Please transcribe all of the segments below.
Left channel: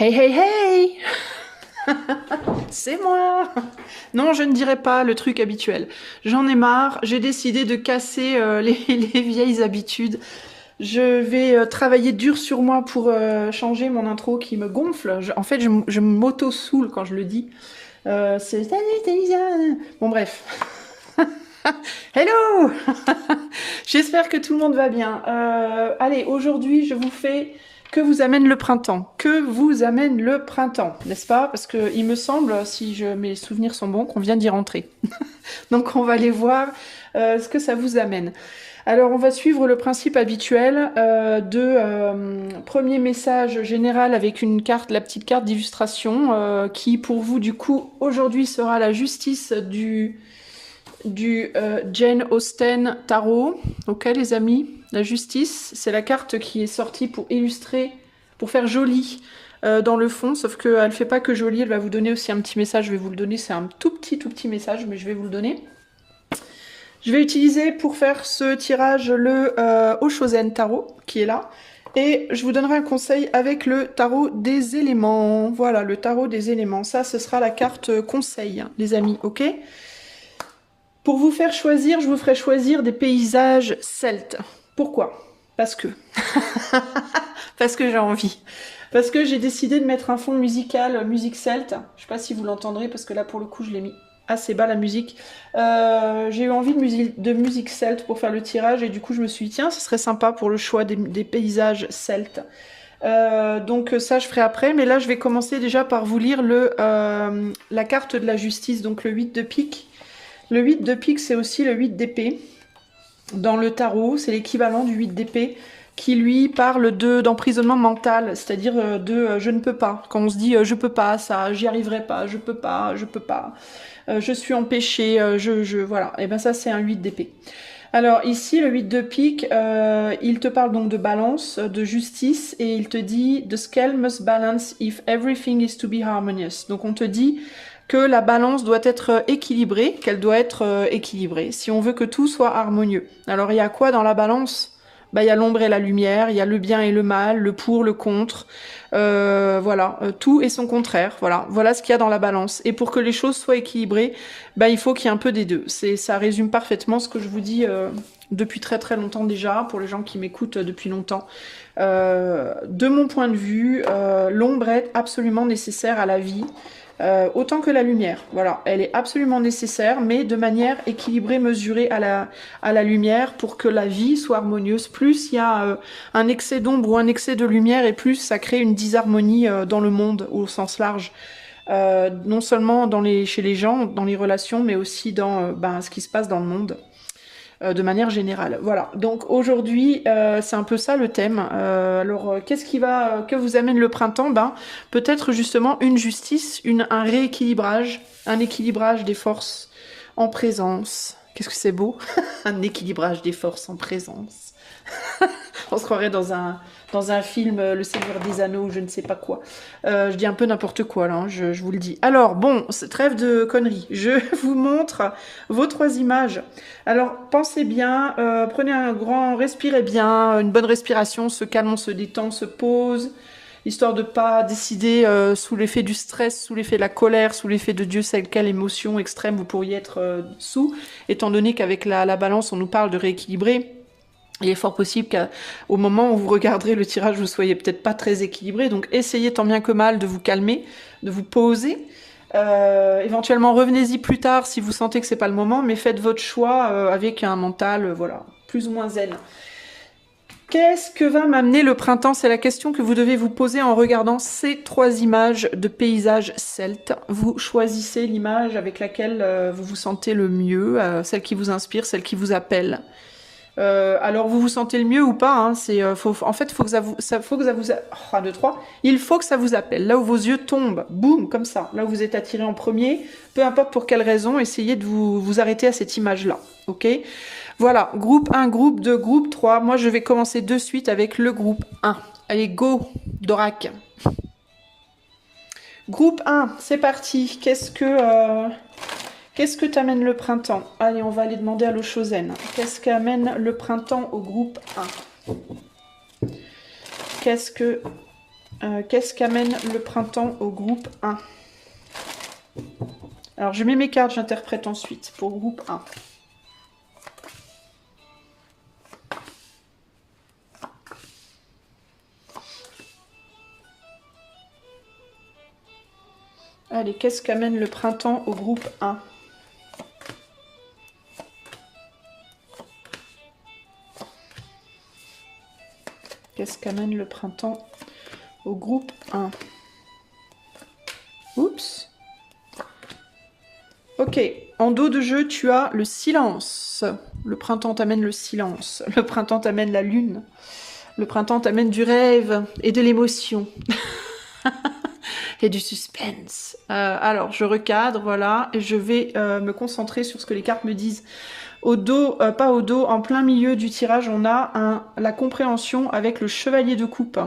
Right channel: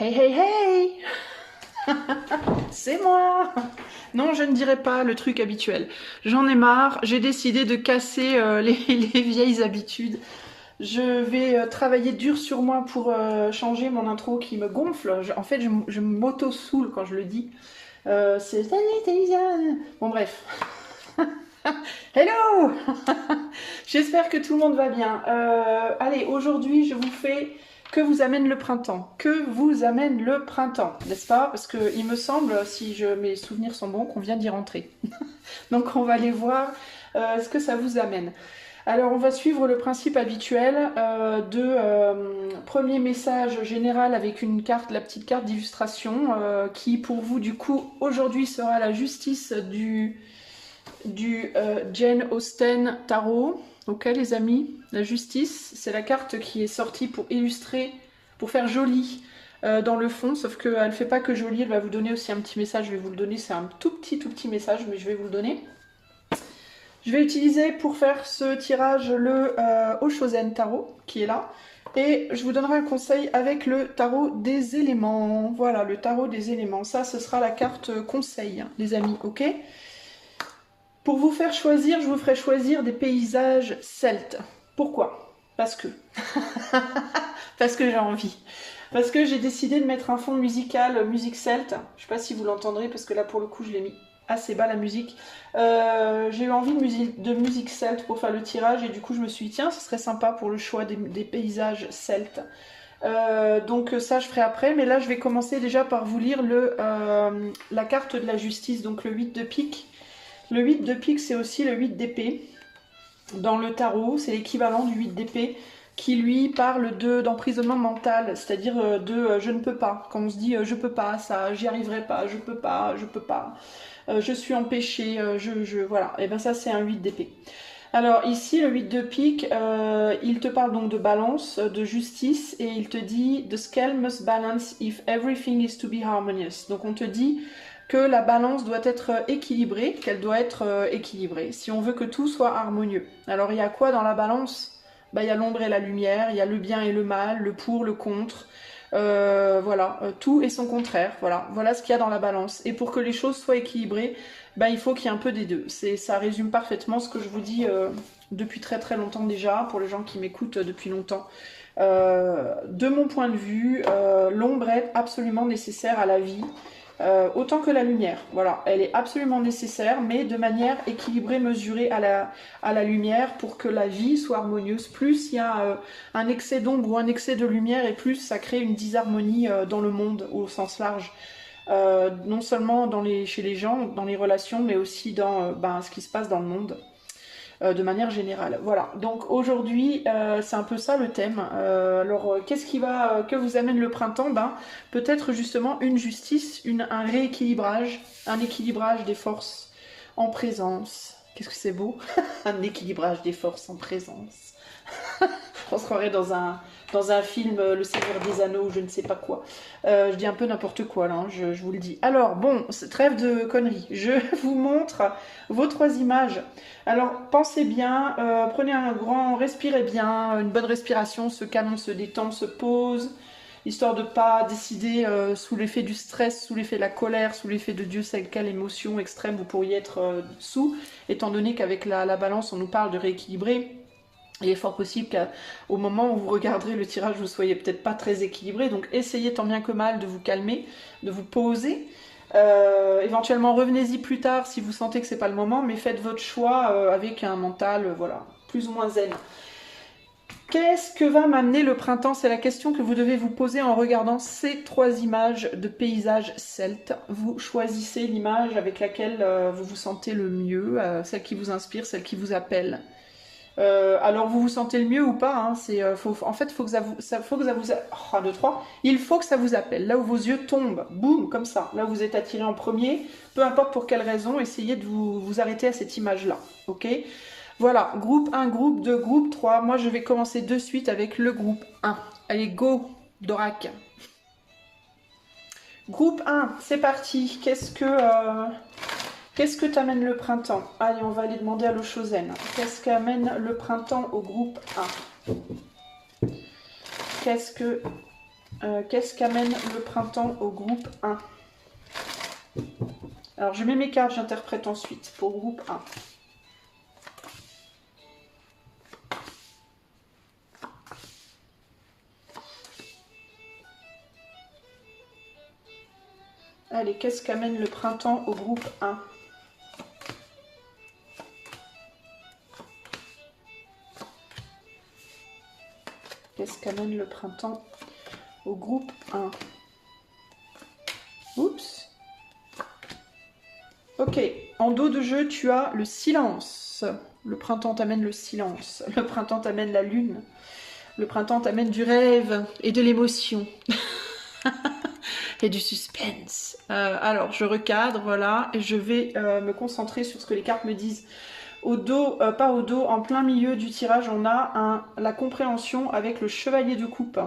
Hey, hey, hey! C'est moi! Non, je ne dirai pas le truc habituel. J'en ai marre, j'ai décidé de casser les vieilles habitudes. Je vais travailler dur sur moi pour changer mon intro qui me gonfle. En fait, je m'auto-saoule quand je le dis. C'est... Bon, bref. Hello! J'espère que tout le monde va bien. Allez, aujourd'hui, je vous fais que vous amène le printemps. Que vous amène le printemps, n'est-ce pas? Parce que il me semble, si mes souvenirs sont bons, qu'on vient d'y rentrer. Donc on va aller voir ce que ça vous amène. Alors on va suivre le principe habituel premier message général avec une carte, la petite carte d'illustration qui pour vous du coup aujourd'hui sera la justice du Jane Austen Tarot. Ok les amis, la justice, c'est la carte qui est sortie pour illustrer, pour faire joli dans le fond, sauf qu'elle ne fait pas que joli, elle va vous donner aussi un petit message, je vais vous le donner, c'est un tout petit message, mais je vais vous le donner. Je vais utiliser pour faire ce tirage le Oshozen Tarot, qui est là, et je vous donnerai un conseil avec le tarot des éléments. Voilà, le tarot des éléments, ça ce sera la carte conseil, les amis, ok? Pour vous faire choisir, je vous ferai choisir des paysages celtes. Pourquoi? Parce que. Parce que j'ai envie. Parce que j'ai décidé de mettre un fond musical, musique celte. Je sais pas si vous l'entendrez, parce que là, pour le coup, je l'ai mis assez bas, la musique. J'ai eu envie de musique celte pour faire le tirage, et du coup, je me suis dit, tiens, ce serait sympa pour le choix des paysages celtes. Donc ça, je ferai après. Mais là, je vais commencer déjà par vous lire la carte de la justice, donc le 8 de pique. Le 8 de pique, c'est aussi le 8 d'épée. Dans le tarot, c'est l'équivalent du 8 d'épée qui lui parle d'emprisonnement mental, c'est-à-dire je ne peux pas. Quand on se dit je peux pas, ça, j'y arriverai pas, je peux pas, je suis empêché, voilà. Et bien ça, c'est un 8 d'épée. Alors ici, le 8 de pique, il te parle donc de balance, de justice, et il te dit « The scale must balance if everything is to be harmonious ». Donc on te dit que la balance doit être équilibrée, qu'elle doit être équilibrée, si on veut que tout soit harmonieux. Alors il y a quoi dans la balance? Bah, il y a l'ombre et la lumière, il y a le bien et le mal, le pour, le contre, voilà, tout et son contraire, voilà ce qu'il y a dans la balance. Et pour que les choses soient équilibrées, bah, il faut qu'il y ait un peu des deux. Ça résume parfaitement ce que je vous dis depuis très très longtemps déjà, pour les gens qui m'écoutent depuis longtemps. De mon point de vue, l'ombre est absolument nécessaire à la vie. Autant que la lumière, voilà, elle est absolument nécessaire, mais de manière équilibrée, mesurée à la lumière pour que la vie soit harmonieuse. Plus il y a un excès d'ombre ou un excès de lumière, et plus ça crée une disharmonie dans le monde au sens large. Non seulement chez les gens, dans les relations, mais aussi dans ce qui se passe dans le monde. De manière générale. Voilà, donc aujourd'hui, c'est un peu ça le thème. Alors, que vous amène le printemps? Ben, peut-être justement une justice, un rééquilibrage, un équilibrage des forces en présence. Qu'est-ce que c'est beau? Un équilibrage des forces en présence. On se croirait dans un film Le Seigneur des Anneaux ou je ne sais pas quoi. Je dis un peu n'importe quoi là, hein, je vous le dis. Alors bon, trêve de conneries. Je vous montre vos 3 images. Alors pensez bien, prenez un grand, respirez bien, une bonne respiration, se calme, on se détend, se pose, histoire de pas décider sous l'effet du stress, sous l'effet de la colère, sous l'effet de Dieu sait quelle émotion extrême vous pourriez être sous, étant donné qu'avec la balance on nous parle de rééquilibrer. Il est fort possible qu'au moment où vous regarderez le tirage, vous soyez peut-être pas très équilibré. Donc essayez tant bien que mal de vous calmer, de vous poser. Éventuellement revenez-y plus tard si vous sentez que c'est pas le moment, mais faites votre choix avec un mental voilà, plus ou moins zen. Qu'est-ce que va m'amener le printemps? C'est la question que vous devez vous poser en regardant ces 3 images de paysages celtes. Vous choisissez l'image avec laquelle vous vous sentez le mieux, celle qui vous inspire, celle qui vous appelle. Alors vous vous sentez le mieux ou pas, hein, en fait, faut que ça vous, oh, 1, 2, 3, il faut que ça vous appelle. Là où vos yeux tombent, boum, comme ça, là où vous êtes attiré en premier, peu importe pour quelle raison, essayez de vous arrêter à cette image-là, ok? Voilà, groupe 1, groupe 2, groupe 3, moi je vais commencer de suite avec le groupe 1. Allez, go, Dorak. Groupe 1, c'est parti, Qu'est-ce que t'amène le printemps? Allez, on va aller demander à l'Oshozen. Qu'est-ce qu'amène le printemps au groupe 1? Qu'est-ce que Qu'est-ce qu'amène le printemps au groupe 1? Alors, je mets mes cartes, j'interprète ensuite pour groupe 1. Allez, qu'est-ce qu'amène le printemps au groupe 1? Qu'est-ce qu'amène le printemps au groupe 1? Oups. Ok, en dos de jeu, tu as le silence. Le printemps t'amène le silence. Le printemps t'amène la lune. Le printemps t'amène du rêve et de l'émotion. Et du suspense. Alors, je recadre, voilà, et je vais me concentrer sur ce que les cartes me disent. Au dos, pas au dos, en plein milieu du tirage, on a la compréhension avec le chevalier de coupe.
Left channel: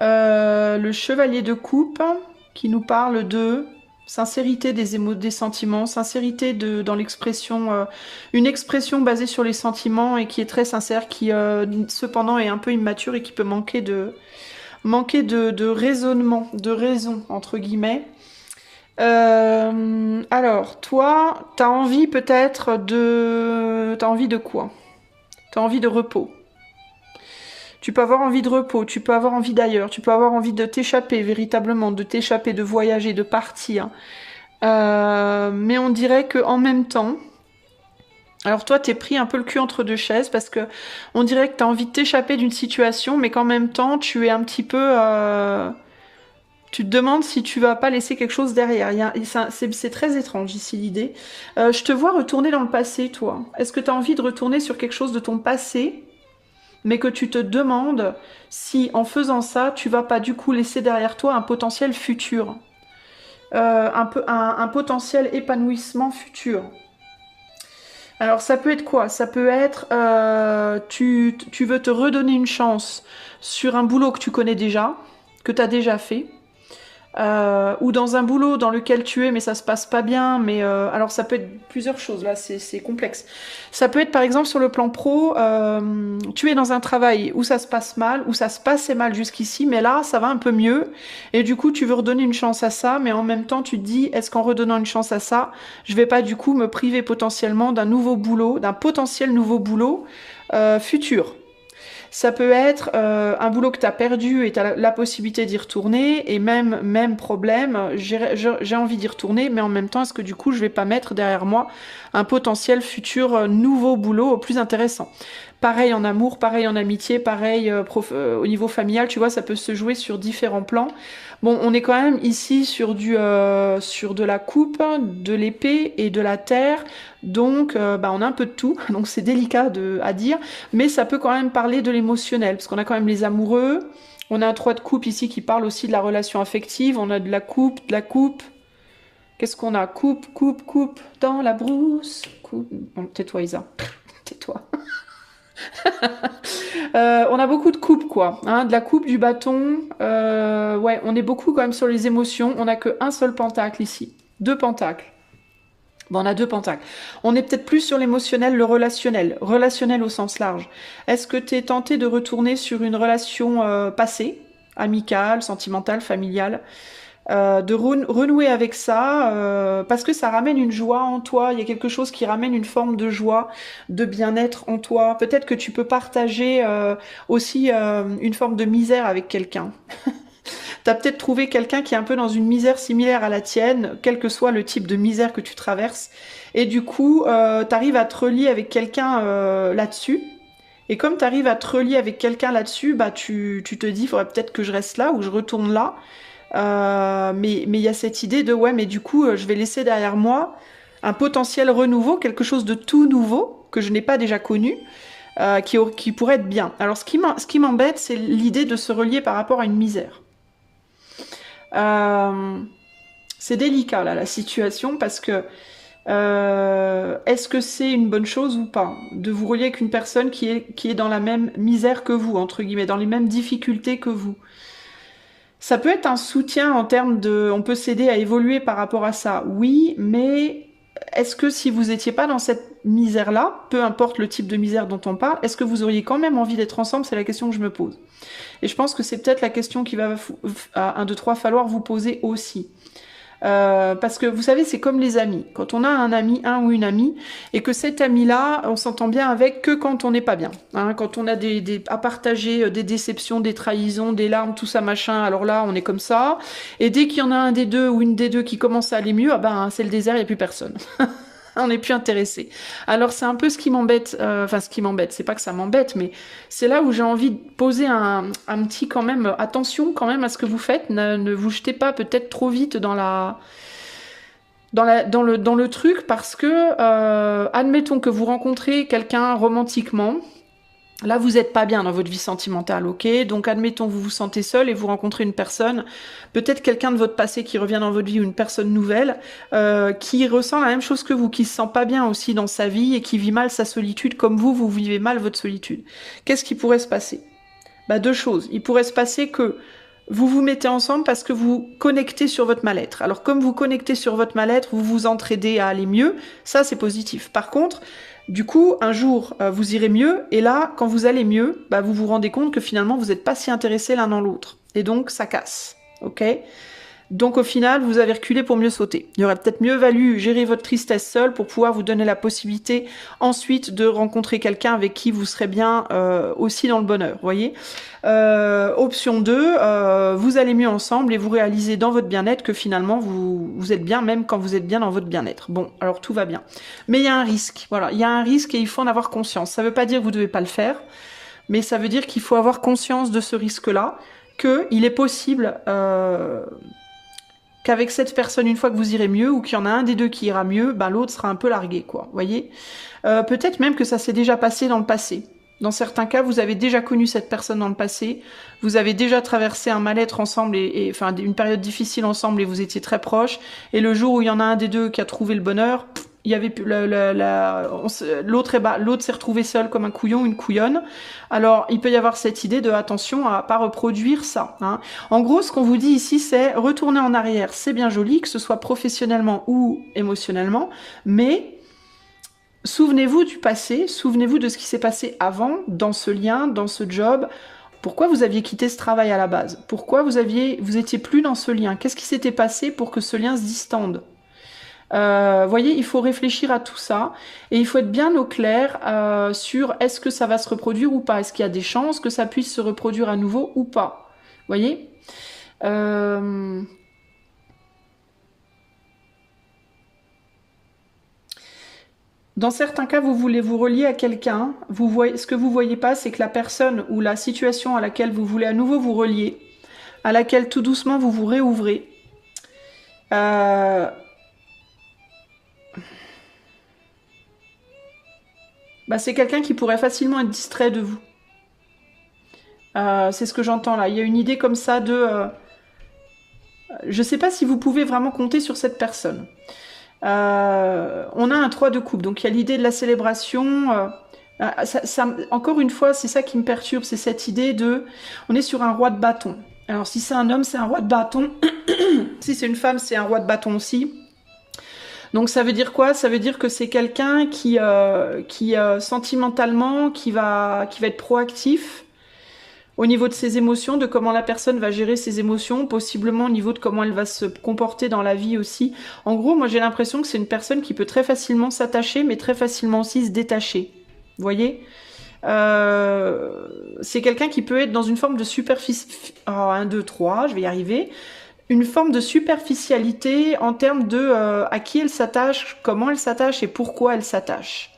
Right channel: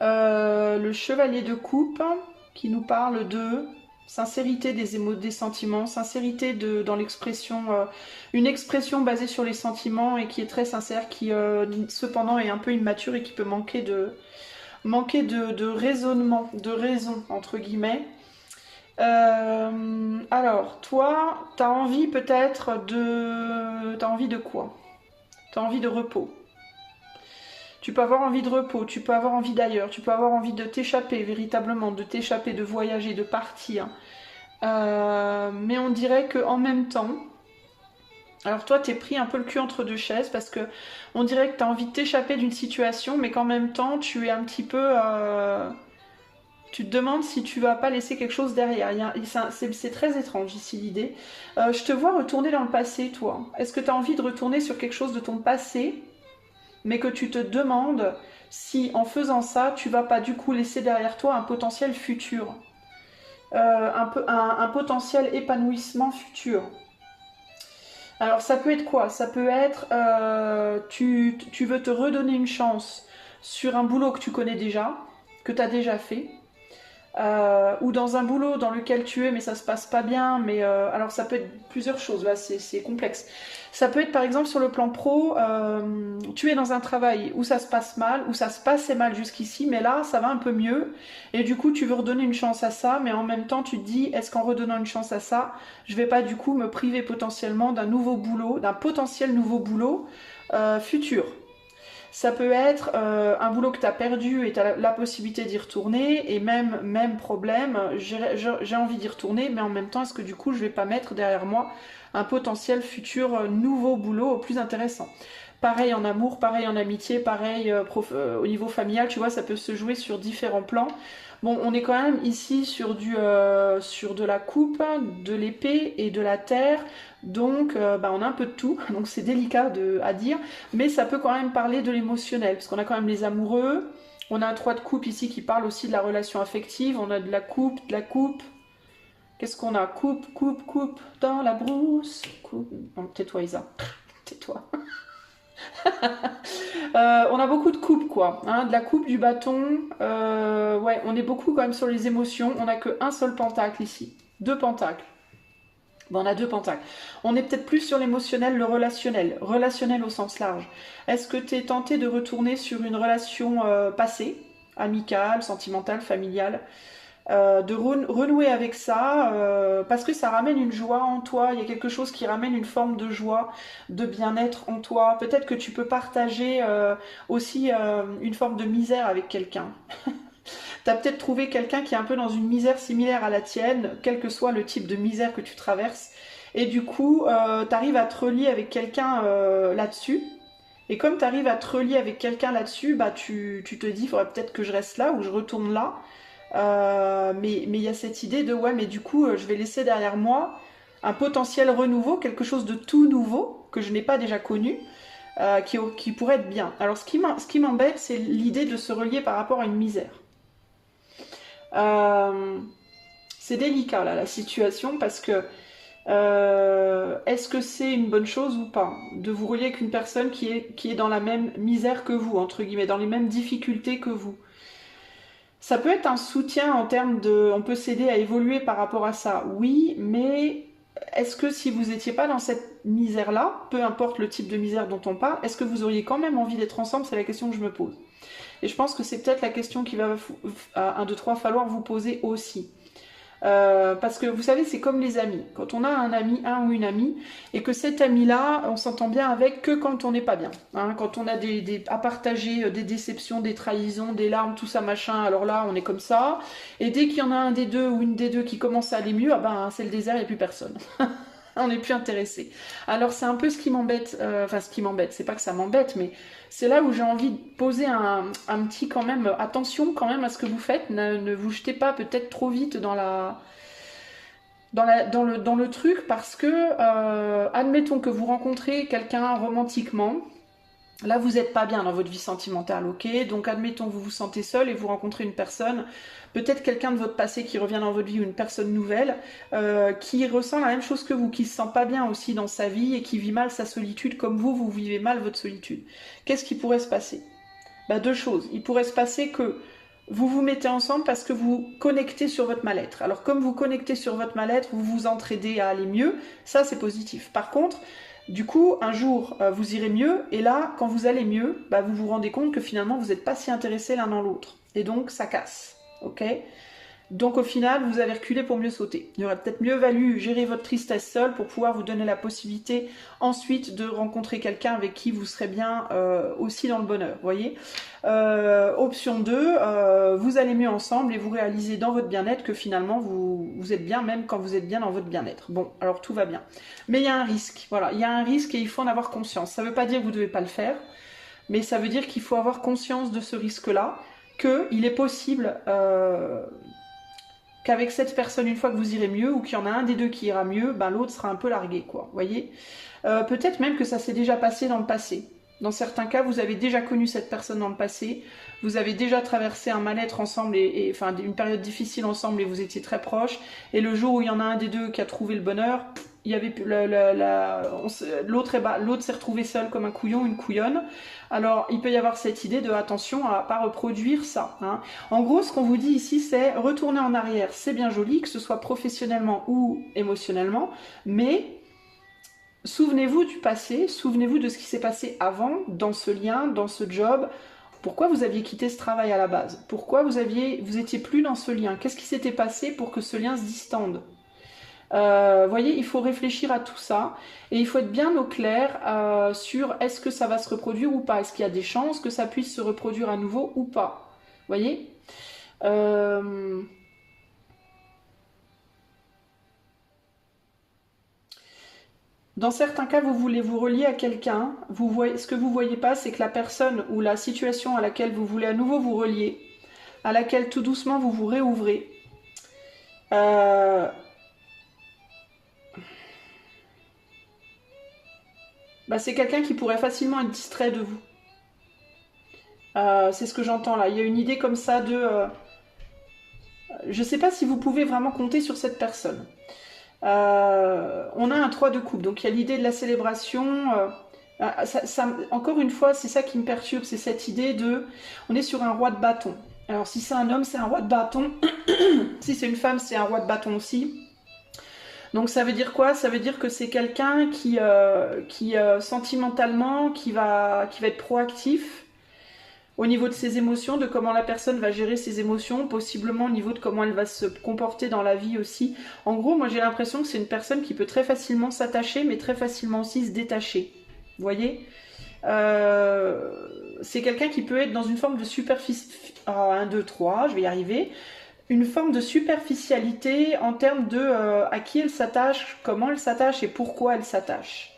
Le chevalier de coupe qui nous parle de sincérité des sentiments, sincérité dans l'expression, une expression basée sur les sentiments et qui est très sincère, qui cependant est un peu immature et qui peut manquer de raisonnement, de raison, entre guillemets. Alors, toi, t'as envie peut-être de... T'as envie de quoi? T'as envie de repos. Tu peux avoir envie de repos, tu peux avoir envie d'ailleurs, tu peux avoir envie de t'échapper véritablement, de t'échapper, de voyager, de partir. Mais on dirait qu'en même temps... Alors toi, t'es pris un peu le cul entre deux chaises parce que on dirait que t'as envie de t'échapper d'une situation, mais qu'en même temps, tu es un petit peu... Tu te demandes si tu vas pas laisser quelque chose derrière. C'est très étrange ici l'idée. Je te vois retourner dans le passé, toi. Est-ce que tu as envie de retourner sur quelque chose de ton passé, mais que tu te demandes si en faisant ça, tu vas pas du coup laisser derrière toi un potentiel futur, un potentiel épanouissement futur. Alors ça peut être quoi? Ça peut être tu veux te redonner une chance sur un boulot que tu connais déjà, que tu as déjà fait. Ou dans un boulot dans lequel tu es mais ça se passe pas bien, mais alors ça peut être plusieurs choses, là c'est complexe. Ça peut être par exemple sur le plan pro, tu es dans un travail où ça se passe mal, où ça se passait mal jusqu'ici, mais là ça va un peu mieux, et du coup tu veux redonner une chance à ça, mais en même temps tu te dis, est-ce qu'en redonnant une chance à ça, je vais pas du coup me priver potentiellement d'un nouveau boulot, d'un potentiel nouveau boulot futur. Ça peut être un boulot que tu as perdu et tu as la possibilité d'y retourner, et même problème, j'ai envie d'y retourner, mais en même temps, est-ce que du coup, je vais pas mettre derrière moi un potentiel futur nouveau boulot plus intéressant? Pareil en amour, pareil en amitié, pareil au niveau familial, tu vois, ça peut se jouer sur différents plans. Bon, on est quand même ici sur sur de la coupe, de l'épée et de la terre, donc on a un peu de tout, donc c'est délicat à dire, mais ça peut quand même parler de l'émotionnel, parce qu'on a quand même les amoureux, on a un 3 de coupe ici qui parle aussi de la relation affective, on a de la coupe, qu'est-ce qu'on a? Coupe, dans la brousse, coupe... Bon, tais-toi Isa, tais-toi. On a beaucoup de coupes quoi, hein, de la coupe, du bâton, ouais, on est beaucoup quand même sur les émotions, on n'a qu'un seul pentacle ici, 2 pentacles. Bon, on a 2 pentacles. On est peut-être plus sur l'émotionnel, le relationnel au sens large. Est-ce que tu es tenté de retourner sur une relation passée, amicale, sentimentale, familiale, de renouer avec ça, parce que ça ramène une joie en toi, il y a quelque chose qui ramène une forme de joie, de bien-être en toi. Peut-être que tu peux partager aussi une forme de misère avec quelqu'un. Tu as peut-être trouvé quelqu'un qui est un peu dans une misère similaire à la tienne, quel que soit le type de misère que tu traverses, et du coup, tu arrives à te relier avec quelqu'un là-dessus. Et comme tu arrives à te relier avec quelqu'un là-dessus, bah tu te dis, il faudrait peut-être que je reste là ou je retourne là. Mais il y a cette idée de ouais, mais du coup, je vais laisser derrière moi un potentiel renouveau, quelque chose de tout nouveau que je n'ai pas déjà connu, qui pourrait être bien. Alors, ce qui m'embête, c'est l'idée de se relier par rapport à une misère. C'est délicat là la situation parce que est-ce que c'est une bonne chose ou pas de vous relier avec une personne qui est dans la même misère que vous, entre guillemets, dans les mêmes difficultés que vous? Ça peut être un soutien en termes de... On peut s'aider à évoluer par rapport à ça, oui, mais est-ce que si vous n'étiez pas dans cette misère-là, peu importe le type de misère dont on parle, est-ce que vous auriez quand même envie d'être ensemble? C'est la question que je me pose. Et je pense que c'est peut-être la question qui va, à 1, 2, 3, falloir vous poser aussi. Parce que vous savez, c'est comme les amis. Quand on a un ami, un ou une amie, et que cet ami-là, on s'entend bien avec que quand on n'est pas bien. Hein, quand on a à partager des déceptions, des trahisons, des larmes, tout ça, machin, alors là, on est comme ça. Et dès qu'il y en a un des deux ou une des deux qui commence à aller mieux, ah ben, c'est le désert, il n'y a plus personne. On n'est plus intéressé. Alors c'est un peu ce qui m'embête, enfin ce qui m'embête, c'est pas que ça m'embête, mais c'est là où j'ai envie de poser un petit quand même, attention quand même à ce que vous faites, ne vous jetez pas peut-être trop vite dans le truc, parce que, admettons que vous rencontrez quelqu'un romantiquement, là, vous n'êtes pas bien dans votre vie sentimentale, ok? Donc, admettons, vous vous sentez seul et vous rencontrez une personne, peut-être quelqu'un de votre passé qui revient dans votre vie ou une personne nouvelle, qui ressent la même chose que vous, qui se sent pas bien aussi dans sa vie et qui vit mal sa solitude comme vous vivez mal votre solitude. Qu'est-ce qui pourrait se passer? Bah, 2 choses. Il pourrait se passer que vous vous mettez ensemble parce que vous connectez sur votre mal-être. Alors, comme vous connectez sur votre mal-être, vous vous entraidez à aller mieux, ça, c'est positif. Par contre, du coup, un jour, vous irez mieux, et là, quand vous allez mieux, bah, vous vous rendez compte que finalement, vous n'êtes pas si intéressés l'un dans l'autre. Et donc, ça casse, ok? Donc, au final, vous avez reculé pour mieux sauter. Il aurait peut-être mieux valu gérer votre tristesse seule pour pouvoir vous donner la possibilité ensuite de rencontrer quelqu'un avec qui vous serez bien aussi dans le bonheur, voyez? Option 2, vous allez mieux ensemble et vous réalisez dans votre bien-être que finalement vous êtes bien même quand vous êtes bien dans votre bien-être. Bon, alors tout va bien. Mais il y a un risque, voilà, il y a un risque et il faut en avoir conscience. Ça ne veut pas dire que vous ne devez pas le faire, mais ça veut dire qu'il faut avoir conscience de ce risque-là, qu'il est possible qu'avec cette personne, une fois que vous irez mieux, ou qu'il y en a un des deux qui ira mieux, ben l'autre sera un peu largué, quoi, voyez? Peut-être même que ça s'est déjà passé dans le passé. Dans certains cas, vous avez déjà connu cette personne dans le passé, vous avez déjà traversé un mal-être ensemble, enfin une période difficile ensemble, et vous étiez très proches, et le jour où il y en a un des deux qui a trouvé le bonheur, il y avait l'autre s'est retrouvé seul comme un couillon, une couillonne. Alors, il peut y avoir cette idée de attention à pas reproduire ça. Hein. En gros, ce qu'on vous dit ici, c'est retourner en arrière. C'est bien joli, que ce soit professionnellement ou émotionnellement, mais souvenez-vous du passé, souvenez-vous de ce qui s'est passé avant, dans ce lien, dans ce job. Pourquoi vous aviez quitté ce travail à la base? Pourquoi vous étiez plus dans ce lien? Qu'est-ce qui s'était passé pour que ce lien se distende? Voyez, il faut réfléchir à tout ça et il faut être bien au clair sur est-ce que ça va se reproduire ou pas, est-ce qu'il y a des chances que ça puisse se reproduire à nouveau ou pas, voyez. Dans certains cas, vous voulez vous relier à quelqu'un, ce que vous voyez pas, c'est que la personne ou la situation à laquelle vous voulez à nouveau vous relier, à laquelle tout doucement vous vous réouvrez, bah, c'est quelqu'un qui pourrait facilement être distrait de vous. C'est ce que j'entends là. Il y a une idée comme ça de... je ne sais pas si vous pouvez vraiment compter sur cette personne. On a un 3 de coupe, donc il y a l'idée de la célébration. Encore une fois, c'est ça qui me perturbe, c'est cette idée de... On est sur un roi de bâton. Alors si c'est un homme, c'est un roi de bâton. Si c'est une femme, c'est un roi de bâton aussi. Donc ça veut dire quoi? Ça veut dire que c'est quelqu'un qui sentimentalement, qui va être proactif au niveau de ses émotions, de comment la personne va gérer ses émotions, possiblement au niveau de comment elle va se comporter dans la vie aussi. En gros, moi j'ai l'impression que c'est une personne qui peut très facilement s'attacher, mais très facilement aussi se détacher. Vous voyez? C'est quelqu'un qui peut être dans une forme de superficie... Oh, 1, 2, 3, je vais y arriver. Une forme de superficialité en termes de à qui elle s'attache, comment elle s'attache et pourquoi elle s'attache.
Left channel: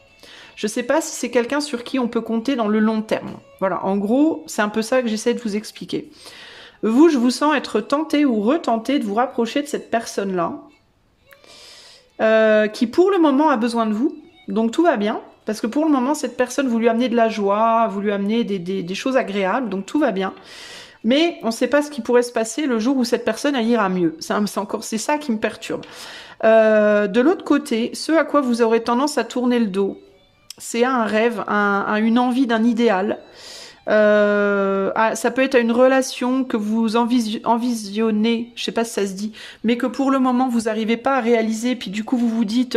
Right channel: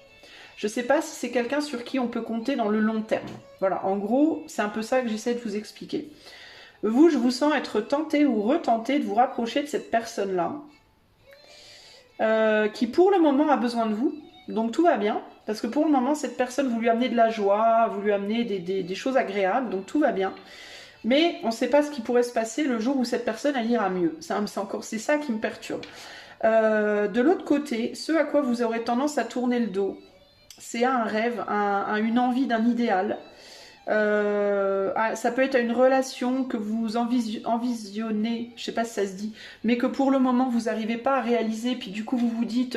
Je ne sais pas si c'est quelqu'un sur qui on peut compter dans le long terme. Voilà, en gros, c'est un peu ça que j'essaie de vous expliquer. Vous, je vous sens être tenté ou retenté de vous rapprocher de cette personne-là, qui pour le moment a besoin de vous, donc tout va bien, parce que pour le moment, cette personne, vous lui amenez de la joie, vous lui amenez des choses agréables, donc tout va bien. Mais on ne sait pas ce qui pourrait se passer le jour où cette personne elle ira mieux. C'est ça qui me perturbe. De l'autre côté, ce à quoi vous aurez tendance à tourner le dos, c'est un rêve, une envie d'un idéal. Ça peut être à une relation que vous envisionnez, je sais pas si ça se dit, mais que pour le moment vous n'arrivez pas à réaliser, puis du coup vous vous dites,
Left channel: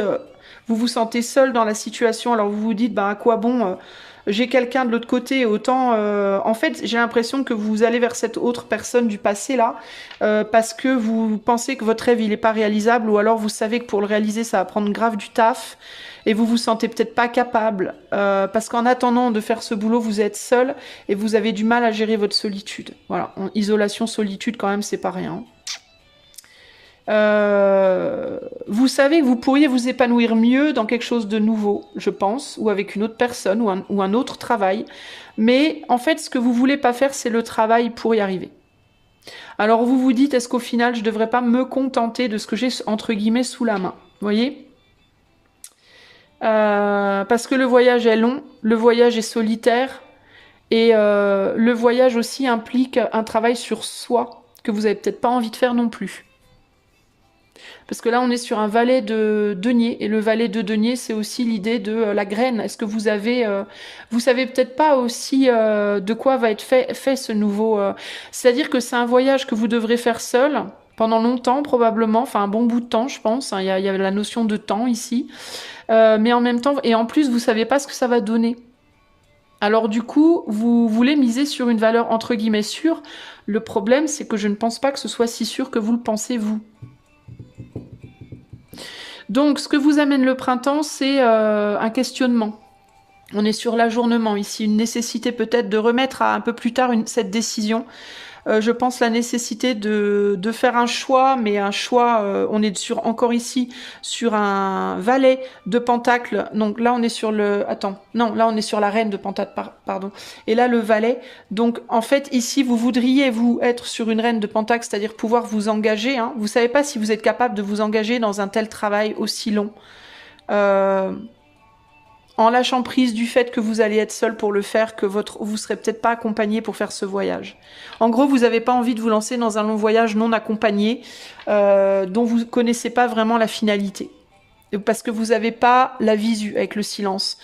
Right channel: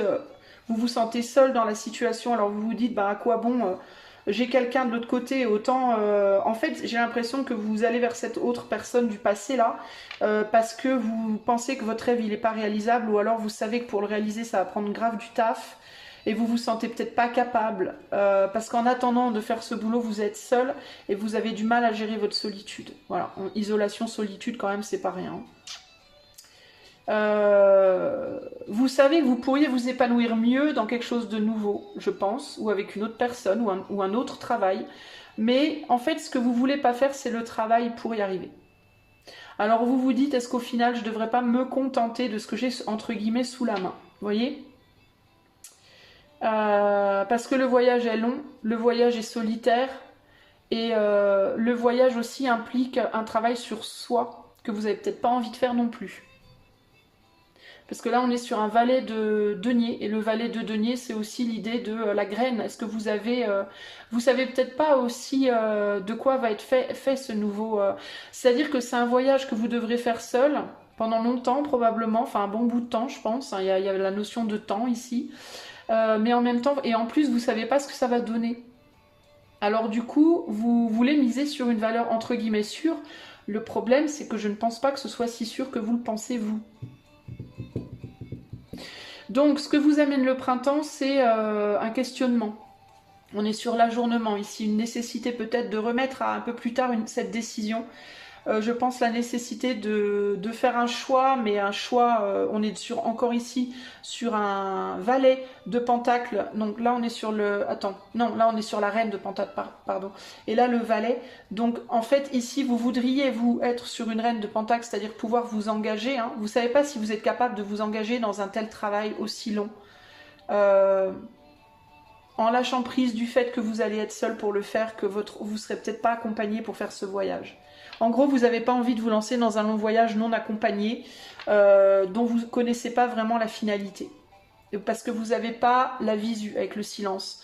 vous vous sentez seul dans la situation, alors vous vous dites, bah à quoi bon, j'ai quelqu'un de l'autre côté, autant, en fait j'ai l'impression que vous allez vers cette autre personne du passé là, parce que vous pensez que votre rêve il est pas réalisable, ou alors vous savez que pour le réaliser ça va prendre grave du taf. Et vous vous sentez peut-être pas capable, parce qu'en attendant de faire ce boulot, vous êtes seul et vous avez du mal à gérer votre solitude. Voilà, isolation, solitude, quand même, c'est pas rien. Vous savez que vous pourriez vous épanouir mieux dans quelque chose de nouveau, je pense, ou avec une autre personne, ou un autre travail. Mais en fait, ce que vous voulez pas faire, c'est le travail pour y arriver. Alors vous vous dites, est-ce qu'au final, je devrais pas me contenter de ce que j'ai, entre guillemets, sous la main? Vous voyez? Parce que le voyage est long, le voyage est solitaire, et le voyage aussi implique un travail sur soi, que vous avez peut-être pas envie de faire non plus. Parce que là, on est sur un valet de denier, et le valet de denier, c'est aussi l'idée de la graine. Est-ce que vous avez... vous savez peut-être pas aussi de quoi va être fait ce nouveau... C'est-à-dire que c'est un voyage que vous devrez faire seul, pendant longtemps probablement, enfin un bon bout de temps, je pense. Hein, il y a la notion de temps ici. Mais en même temps, et en plus, vous savez pas ce que ça va donner. Alors du coup, vous voulez miser sur une valeur entre guillemets sûre. Le problème, c'est que je ne pense pas que ce soit si sûr que vous le pensez, vous. Donc, ce que vous amène le printemps, c'est un questionnement. On est sur l'ajournement ici, une nécessité peut-être de remettre à un peu plus tard cette décision. Je pense la nécessité de faire un choix, mais un choix, on est encore ici sur un valet de pentacle. Donc là on est sur le... Attends, non, là on est sur la reine de pentacle, pardon. Et là le valet. Donc en fait ici vous voudriez vous être sur une reine de pentacle, c'est-à-dire pouvoir vous engager. Hein. Vous savez pas si vous êtes capable de vous engager dans un tel travail aussi long. En lâchant prise du fait que vous allez être seul pour le faire, que vous serez peut-être pas accompagné pour faire ce voyage. En gros, vous n'avez pas envie de vous lancer dans un long voyage non accompagné, dont vous ne connaissez pas vraiment la finalité. Parce que vous n'avez pas la visu avec le silence.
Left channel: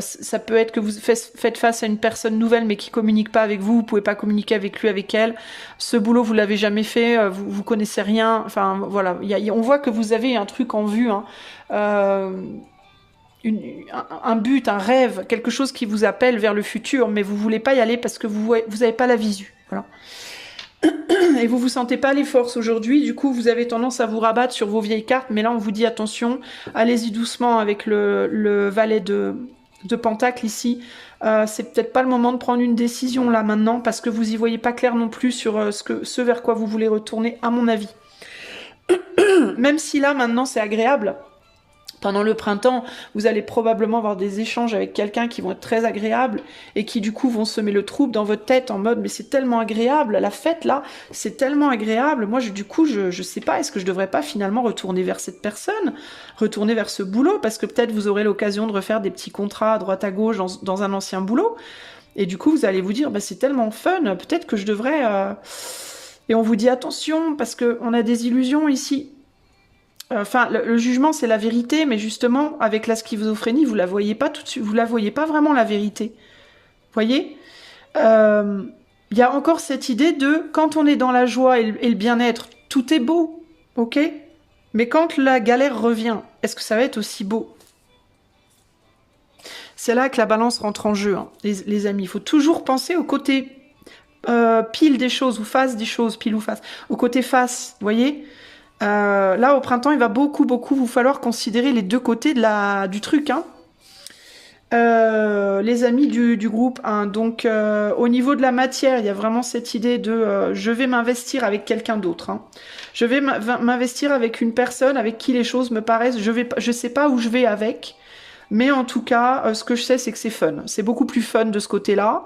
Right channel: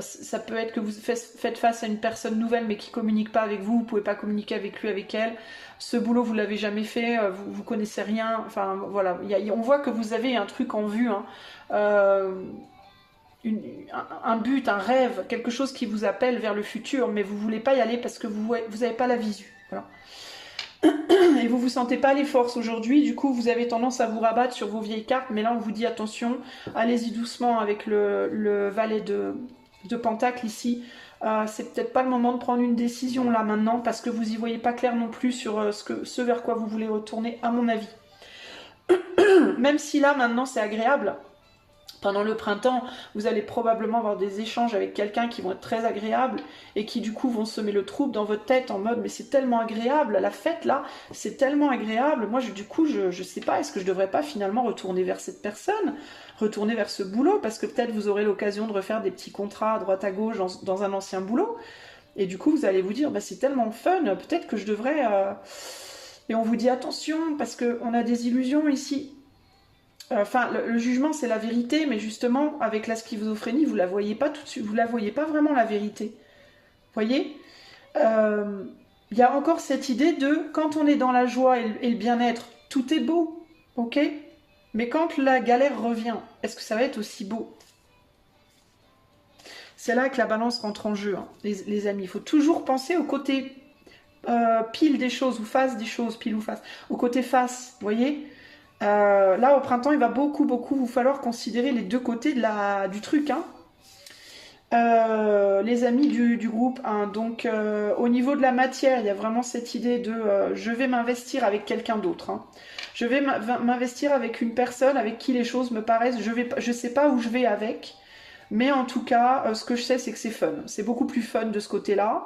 Ça peut être que vous faites face à une personne nouvelle mais qui ne communique pas avec vous, vous ne pouvez pas communiquer avec lui, avec elle. Ce boulot, vous ne l'avez jamais fait, vous ne connaissez rien. Enfin, voilà. On voit que vous avez un truc en vue. Hein. Un but, un rêve, quelque chose qui vous appelle vers le futur, mais vous voulez pas y aller parce que vous n'avez pas la visu. Voilà. Et vous vous sentez pas les forces aujourd'hui, du coup vous avez tendance à vous rabattre sur vos vieilles cartes, mais là on vous dit attention, allez-y doucement avec le valet de pentacle ici. C'est peut-être pas le moment de prendre une décision là maintenant, parce que vous y voyez pas clair non plus sur ce vers quoi vous voulez retourner, à mon avis. Même si là maintenant c'est agréable. Pendant le printemps, vous allez probablement avoir des échanges avec quelqu'un qui vont être très agréables et qui du coup vont semer le trouble dans votre tête en mode mais c'est tellement agréable, la fête là, c'est tellement agréable. Moi du coup je sais pas, est-ce que je devrais pas finalement retourner vers cette personne, retourner vers ce boulot, parce que peut-être vous aurez l'occasion de refaire des petits contrats à droite à gauche dans un ancien boulot. Et du coup vous allez vous dire bah, c'est tellement fun, peut-être que je devrais... Et on vous dit attention parce qu'on a des illusions ici. Enfin, le jugement, c'est la vérité, mais justement, avec la schizophrénie, vous la voyez pas tout de suite, vous la voyez pas vraiment la vérité. Vous voyez, y a encore cette idée de quand on est dans la joie et le bien-être, tout est beau, ok? Mais quand la galère revient, est-ce que ça va être aussi beau? C'est là que la balance rentre en jeu, hein, les amis. Il faut toujours penser au côté pile des choses ou face des choses, pile ou face. Au côté face, vous voyez? Là, au printemps, il va beaucoup vous falloir considérer les deux côtés du truc. Hein. Les amis du groupe 1. Donc, au niveau de la matière, il y a vraiment cette idée de je vais m'investir avec quelqu'un d'autre. Hein. Je vais m'investir avec une personne avec qui les choses me paraissent... Je sais pas où je vais avec, mais en tout cas, ce que je sais, c'est que c'est fun. C'est beaucoup plus fun de ce côté-là.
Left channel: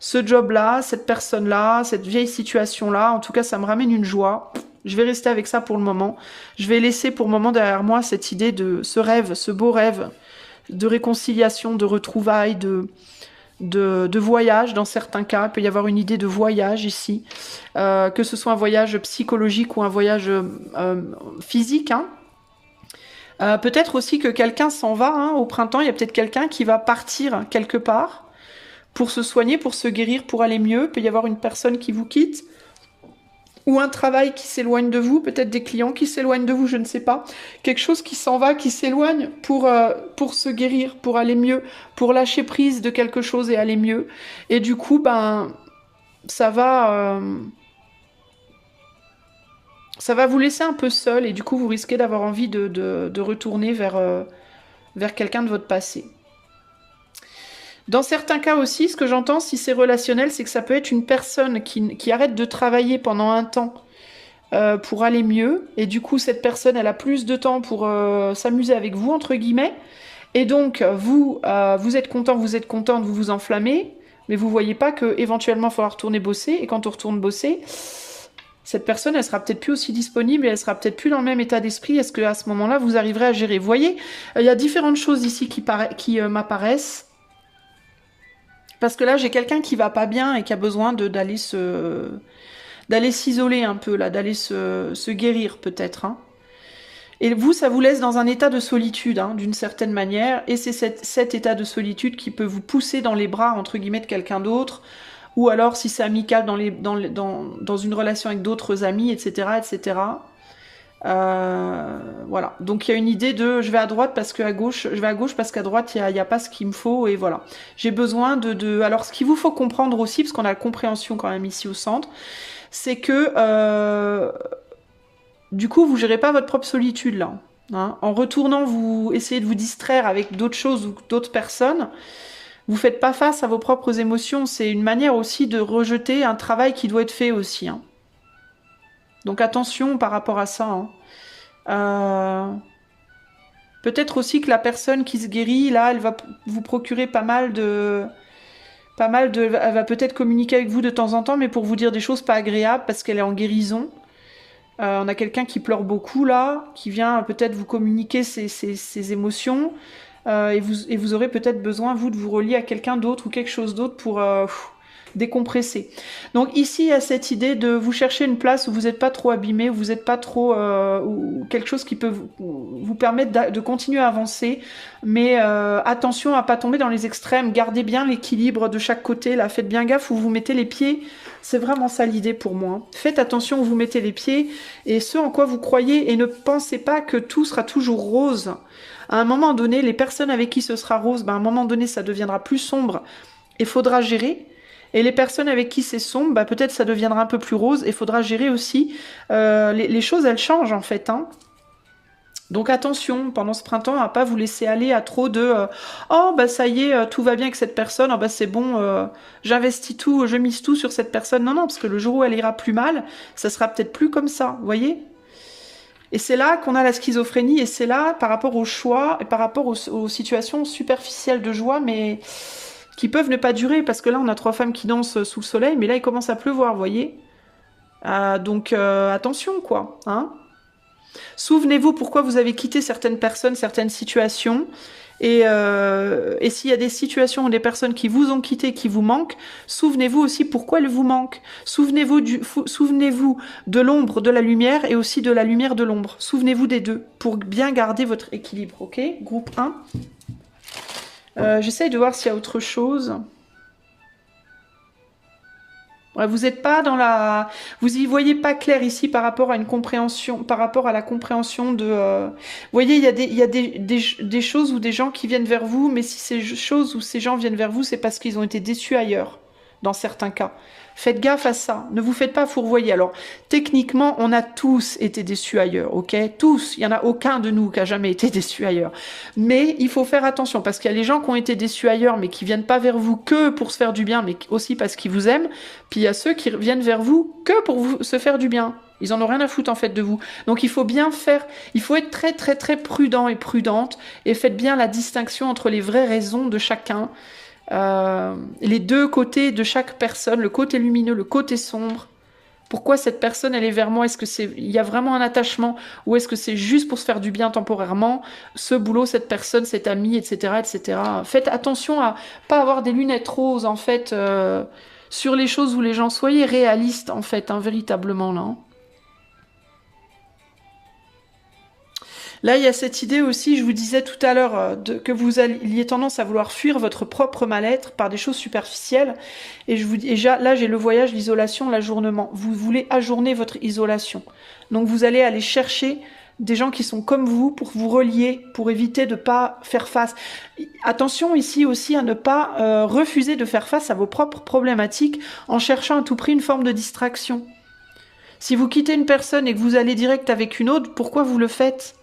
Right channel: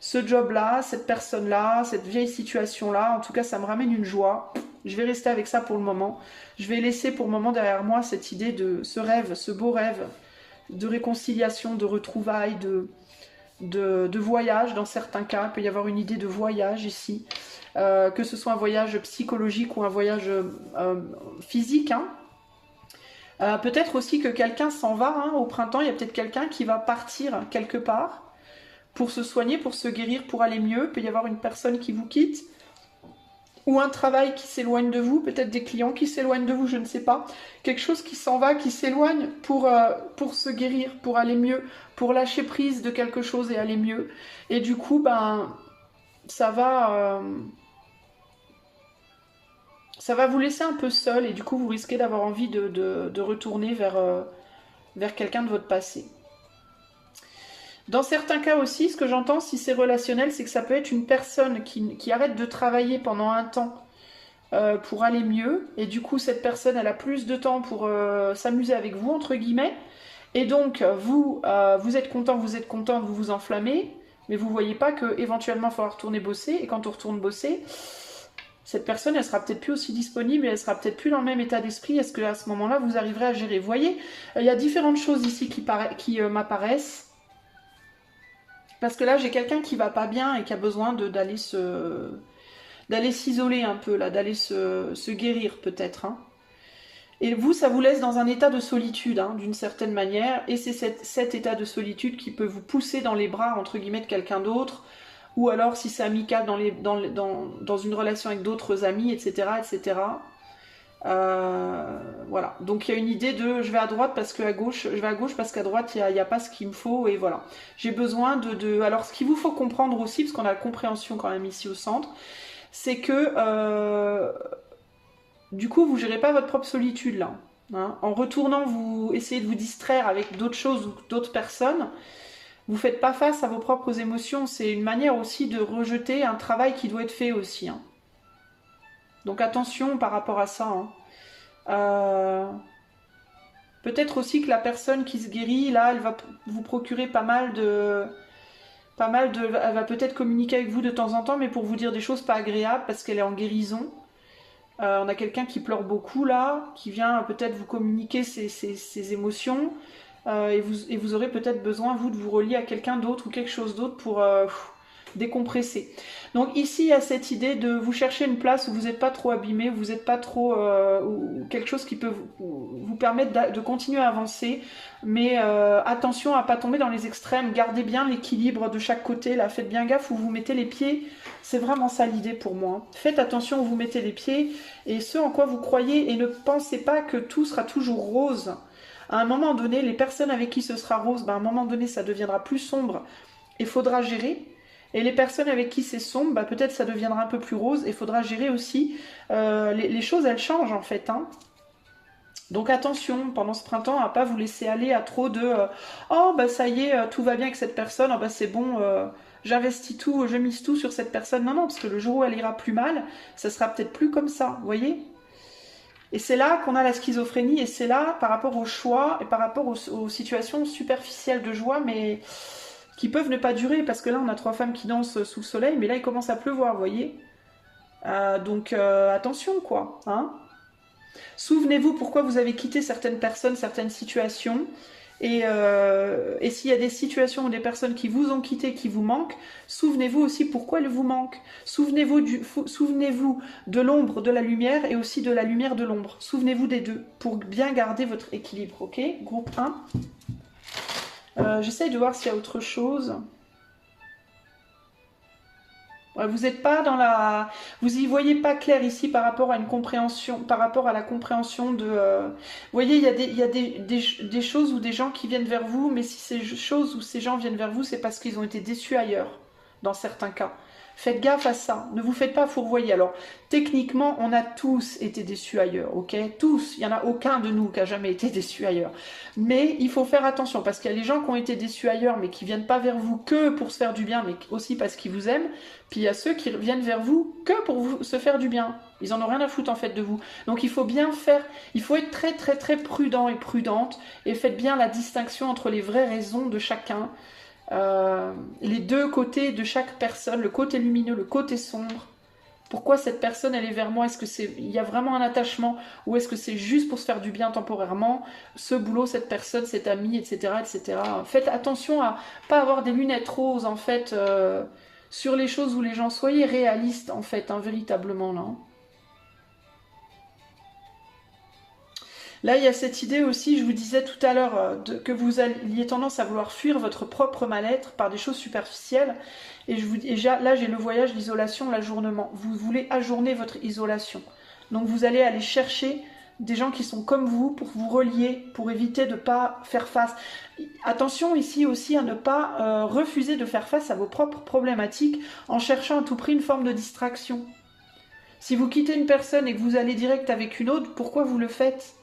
Ce job-là, cette personne-là, cette vieille situation-là, en tout cas, ça me ramène une joie. Je vais rester avec ça pour le moment. Je vais laisser pour le moment derrière moi cette idée de ce rêve, ce beau rêve de réconciliation, de retrouvailles, de voyage dans certains cas. Il peut y avoir une idée de voyage ici. Que ce soit un voyage psychologique ou un voyage physique. Hein. Peut-être aussi que quelqu'un s'en va. Hein, au printemps, il y a peut-être quelqu'un qui va partir quelque part. pour se soigner, pour se guérir, pour aller mieux. Il peut y avoir une personne qui vous quitte, ou un travail qui s'éloigne de vous, peut-être des clients qui s'éloignent de vous, je ne sais pas. Quelque chose qui s'en va, qui s'éloigne pour se guérir, pour aller mieux, pour lâcher prise de quelque chose et aller mieux. Et du coup, ben, ça va vous laisser un peu seul et du coup, vous risquez d'avoir envie de retourner vers quelqu'un de votre passé. Dans certains cas aussi, ce que j'entends, si c'est relationnel, c'est que ça peut être une personne qui arrête de travailler pendant un temps pour aller mieux. Et du coup, cette personne, elle a plus de temps pour s'amuser avec vous, entre guillemets. Et donc, vous êtes content, vous êtes contente, vous vous enflammez. Mais vous voyez pas qu'éventuellement, il faudra retourner bosser. Et quand on retourne bosser, cette personne, elle sera peut-être plus aussi disponible et elle sera peut-être plus dans le même état d'esprit. Est-ce qu'à ce moment-là, vous arriverez à gérer? Vous voyez, il y a différentes choses ici qui m'apparaissent. Parce que là, j'ai quelqu'un qui va pas bien et qui a besoin d'aller s'isoler un peu, là, d'aller se guérir peut-être. Hein. Et vous, ça vous laisse dans un état de solitude, hein, d'une certaine manière. Et c'est cet état de solitude qui peut vous pousser dans les bras, entre guillemets, de quelqu'un d'autre. Ou alors, si c'est amical, dans une relation avec d'autres amis, etc., etc. Voilà, donc il y a une idée de je vais à droite parce qu'à gauche, je vais à gauche parce qu'à droite il n'y a pas ce qu'il me faut et voilà. J'ai besoin Alors ce qu'il vous faut comprendre aussi, parce qu'on a la compréhension quand même ici au centre, c'est que du coup vous gérez pas votre propre solitude là. Hein. En retournant, vous essayez de vous distraire avec d'autres choses ou d'autres personnes. Vous faites pas face à vos propres émotions. C'est une manière aussi de rejeter un travail qui doit être fait aussi. Hein. Donc attention par rapport à ça. Hein. Peut-être aussi que la personne qui se guérit, là, elle va vous procurer pas mal de... Elle va peut-être communiquer avec vous de temps en temps, mais pour vous dire des choses pas agréables, parce qu'elle est en guérison. On a quelqu'un qui pleure beaucoup, là, qui vient peut-être vous communiquer ses émotions. Et vous aurez peut-être besoin, vous, de vous relier à quelqu'un d'autre ou quelque chose d'autre pour... décompresser. Donc ici, il y a cette idée de vous chercher une place où vous n'êtes pas trop abîmé, où vous n'êtes pas trop... ou quelque chose qui peut vous permettre de continuer à avancer, mais attention à pas tomber dans les extrêmes, gardez bien l'équilibre de chaque côté, là, faites bien gaffe où vous mettez les pieds, c'est vraiment ça l'idée pour moi. Faites attention où vous mettez les pieds et ce en quoi vous croyez et ne pensez pas que tout sera toujours rose. À un moment donné, les personnes avec qui ce sera rose, ben, à un moment donné, ça deviendra plus sombre et faudra gérer. Et les personnes avec qui c'est sombre, bah, peut-être ça deviendra un peu plus rose et il faudra gérer aussi. Les choses, elles changent en fait. Hein. Donc attention, pendant ce printemps, à pas vous laisser aller à trop de oh bah ça y est, tout va bien avec cette personne, oh, bah c'est bon, j'investis tout, je mise tout sur cette personne. Non, non, parce que le jour où elle ira plus mal, ça sera peut-être plus comme ça, vous voyez? Et c'est là qu'on a la schizophrénie, et c'est là, par rapport au choix, et par rapport aux situations superficielles de joie, mais qui peuvent ne pas durer, parce que là, on a 3 femmes qui dansent sous le soleil, mais là, il commence à pleuvoir, vous voyez. Donc, attention, quoi. Hein. Souvenez-vous pourquoi vous avez quitté certaines personnes, certaines situations, et s'il y a des situations ou des personnes qui vous ont quitté, qui vous manquent, souvenez-vous aussi pourquoi elles vous manquent. Souvenez-vous de l'ombre de la lumière, et aussi de la lumière de l'ombre. Souvenez-vous des deux, pour bien garder votre équilibre, ok? Groupe 1. J'essaye de voir s'il y a autre chose. Ouais, vous n'êtes pas dans la... Vous y voyez pas clair ici par rapport à une compréhension, par rapport à la compréhension de... Vous voyez, il y a des choses ou des gens qui viennent vers vous, mais si ces choses ou ces gens viennent vers vous, c'est parce qu'ils ont été déçus ailleurs, dans certains cas. Faites gaffe à ça, ne vous faites pas fourvoyer. Alors, techniquement, on a tous été déçus ailleurs, ok? Tous, il n'y en a aucun de nous qui a jamais été déçu ailleurs. Mais il faut faire attention, parce qu'il y a les gens qui ont été déçus ailleurs, mais qui viennent pas vers vous que pour se faire du bien, mais aussi parce qu'ils vous aiment. Puis il y a ceux qui viennent vers vous que pour se faire du bien. Ils en ont rien à foutre en fait de vous. Donc il faut bien faire, il faut être très très très prudent et prudente, et faites bien la distinction entre les vraies raisons de chacun. Les deux côtés de chaque personne, le côté lumineux, le côté sombre. Pourquoi cette personne elle est vers moi? Est-ce que il y a vraiment un attachement, ou est-ce que c'est juste pour se faire du bien temporairement? Ce boulot, cette personne, cet ami, etc., etc. Faites attention à pas avoir des lunettes roses en fait sur les choses où les gens. Soyez réalistes en fait, hein, véritablement là. Là, il y a cette idée aussi, je vous disais tout à l'heure, que vous ayez tendance à vouloir fuir votre propre mal-être par des choses superficielles. Et je vous dis, là, j'ai le voyage, l'isolation, l'ajournement. Vous voulez ajourner votre isolation. Donc, vous allez aller chercher des gens qui sont comme vous pour vous relier, pour éviter de ne pas faire face. Attention ici aussi à ne pas refuser de faire face à vos propres problématiques en cherchant à tout prix une forme de distraction. Si vous quittez une personne et que vous allez direct avec une autre, pourquoi vous le faites ?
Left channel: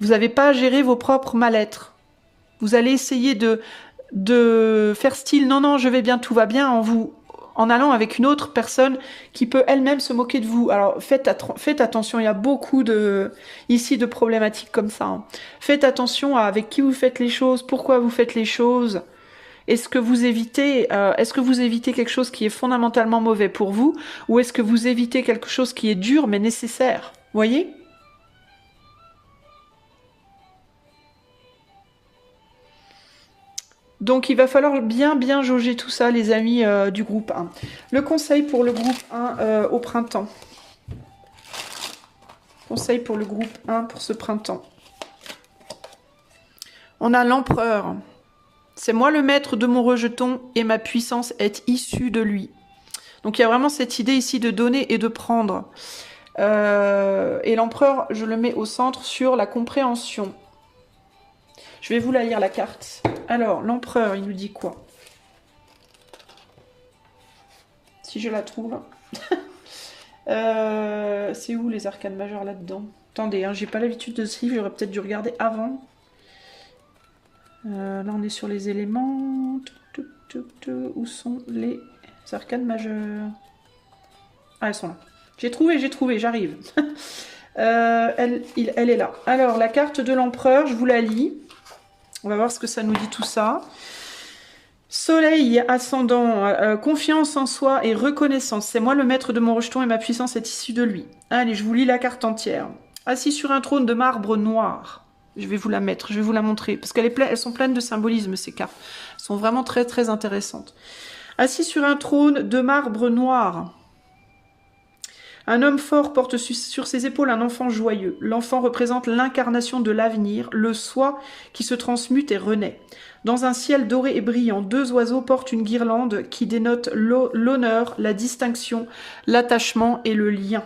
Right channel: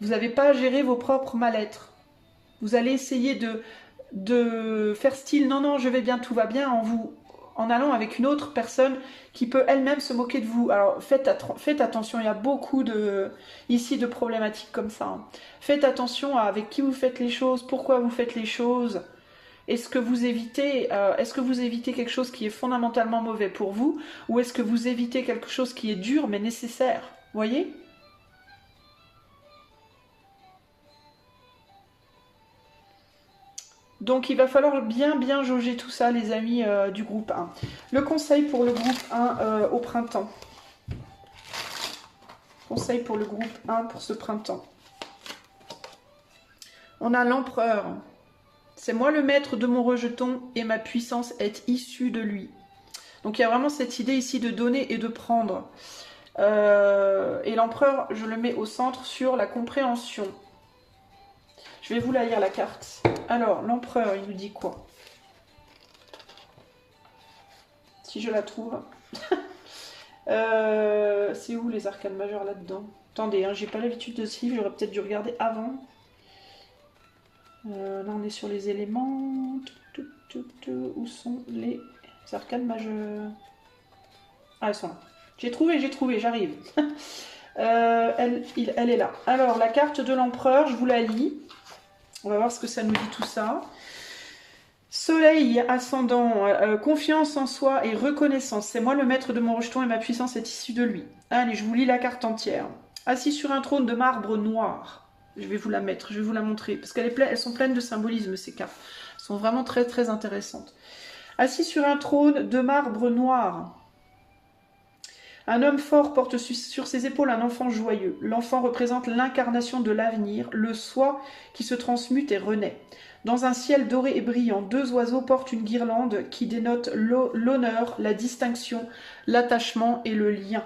Vous n'avez pas à gérer vos propres mal-être. Vous allez essayer de faire style « non, non, je vais bien, tout va bien » en allant avec une autre personne qui peut elle-même se moquer de vous. Alors faites attention, il y a beaucoup ici de problématiques comme ça. Hein. Faites attention à avec qui vous faites les choses, pourquoi vous faites les choses. Est-ce que vous évitez quelque chose qui est fondamentalement mauvais pour vous, ou est-ce que vous évitez quelque chose qui est dur mais nécessaire? Voyez ? Donc il va falloir bien jauger tout ça, les amis du groupe 1. Le conseil pour le groupe 1 au printemps. Conseil pour le groupe 1 pour ce printemps. On a l'empereur. C'est moi le maître de mon rejeton et ma puissance est issue de lui. Donc il y a vraiment cette idée ici de donner et de prendre. Et l'empereur, je le mets au centre sur la compréhension. Je vais vous la lire la carte. Alors, l'empereur, il nous dit quoi? Si je la trouve. C'est où les arcanes majeures là-dedans? Attendez, hein, j'ai pas l'habitude de suivre, j'aurais peut-être dû regarder avant. Là, on est sur les éléments. Où sont les arcanes majeures? Ah, elles sont là. J'ai trouvé, j'arrive. Elle est là. Alors, la carte de l'empereur, je vous la lis. On va voir ce que ça nous dit tout ça. Soleil ascendant, confiance en soi et reconnaissance. C'est moi le maître de mon rejeton et ma puissance est issue de lui. Allez, je vous lis la carte entière. Assis sur un trône de marbre noir. Je vais vous la mettre, je vais vous la montrer. Parce qu'elles sont pleines de symbolisme, ces cartes. Elles sont vraiment très intéressantes. Assis sur un trône de marbre noir. Un homme fort porte sur ses épaules un enfant joyeux. L'enfant représente l'incarnation de l'avenir, le soi qui se transmute et renaît. Dans un ciel doré et brillant, deux oiseaux portent une guirlande qui dénote l'honneur, la distinction, l'attachement et le lien.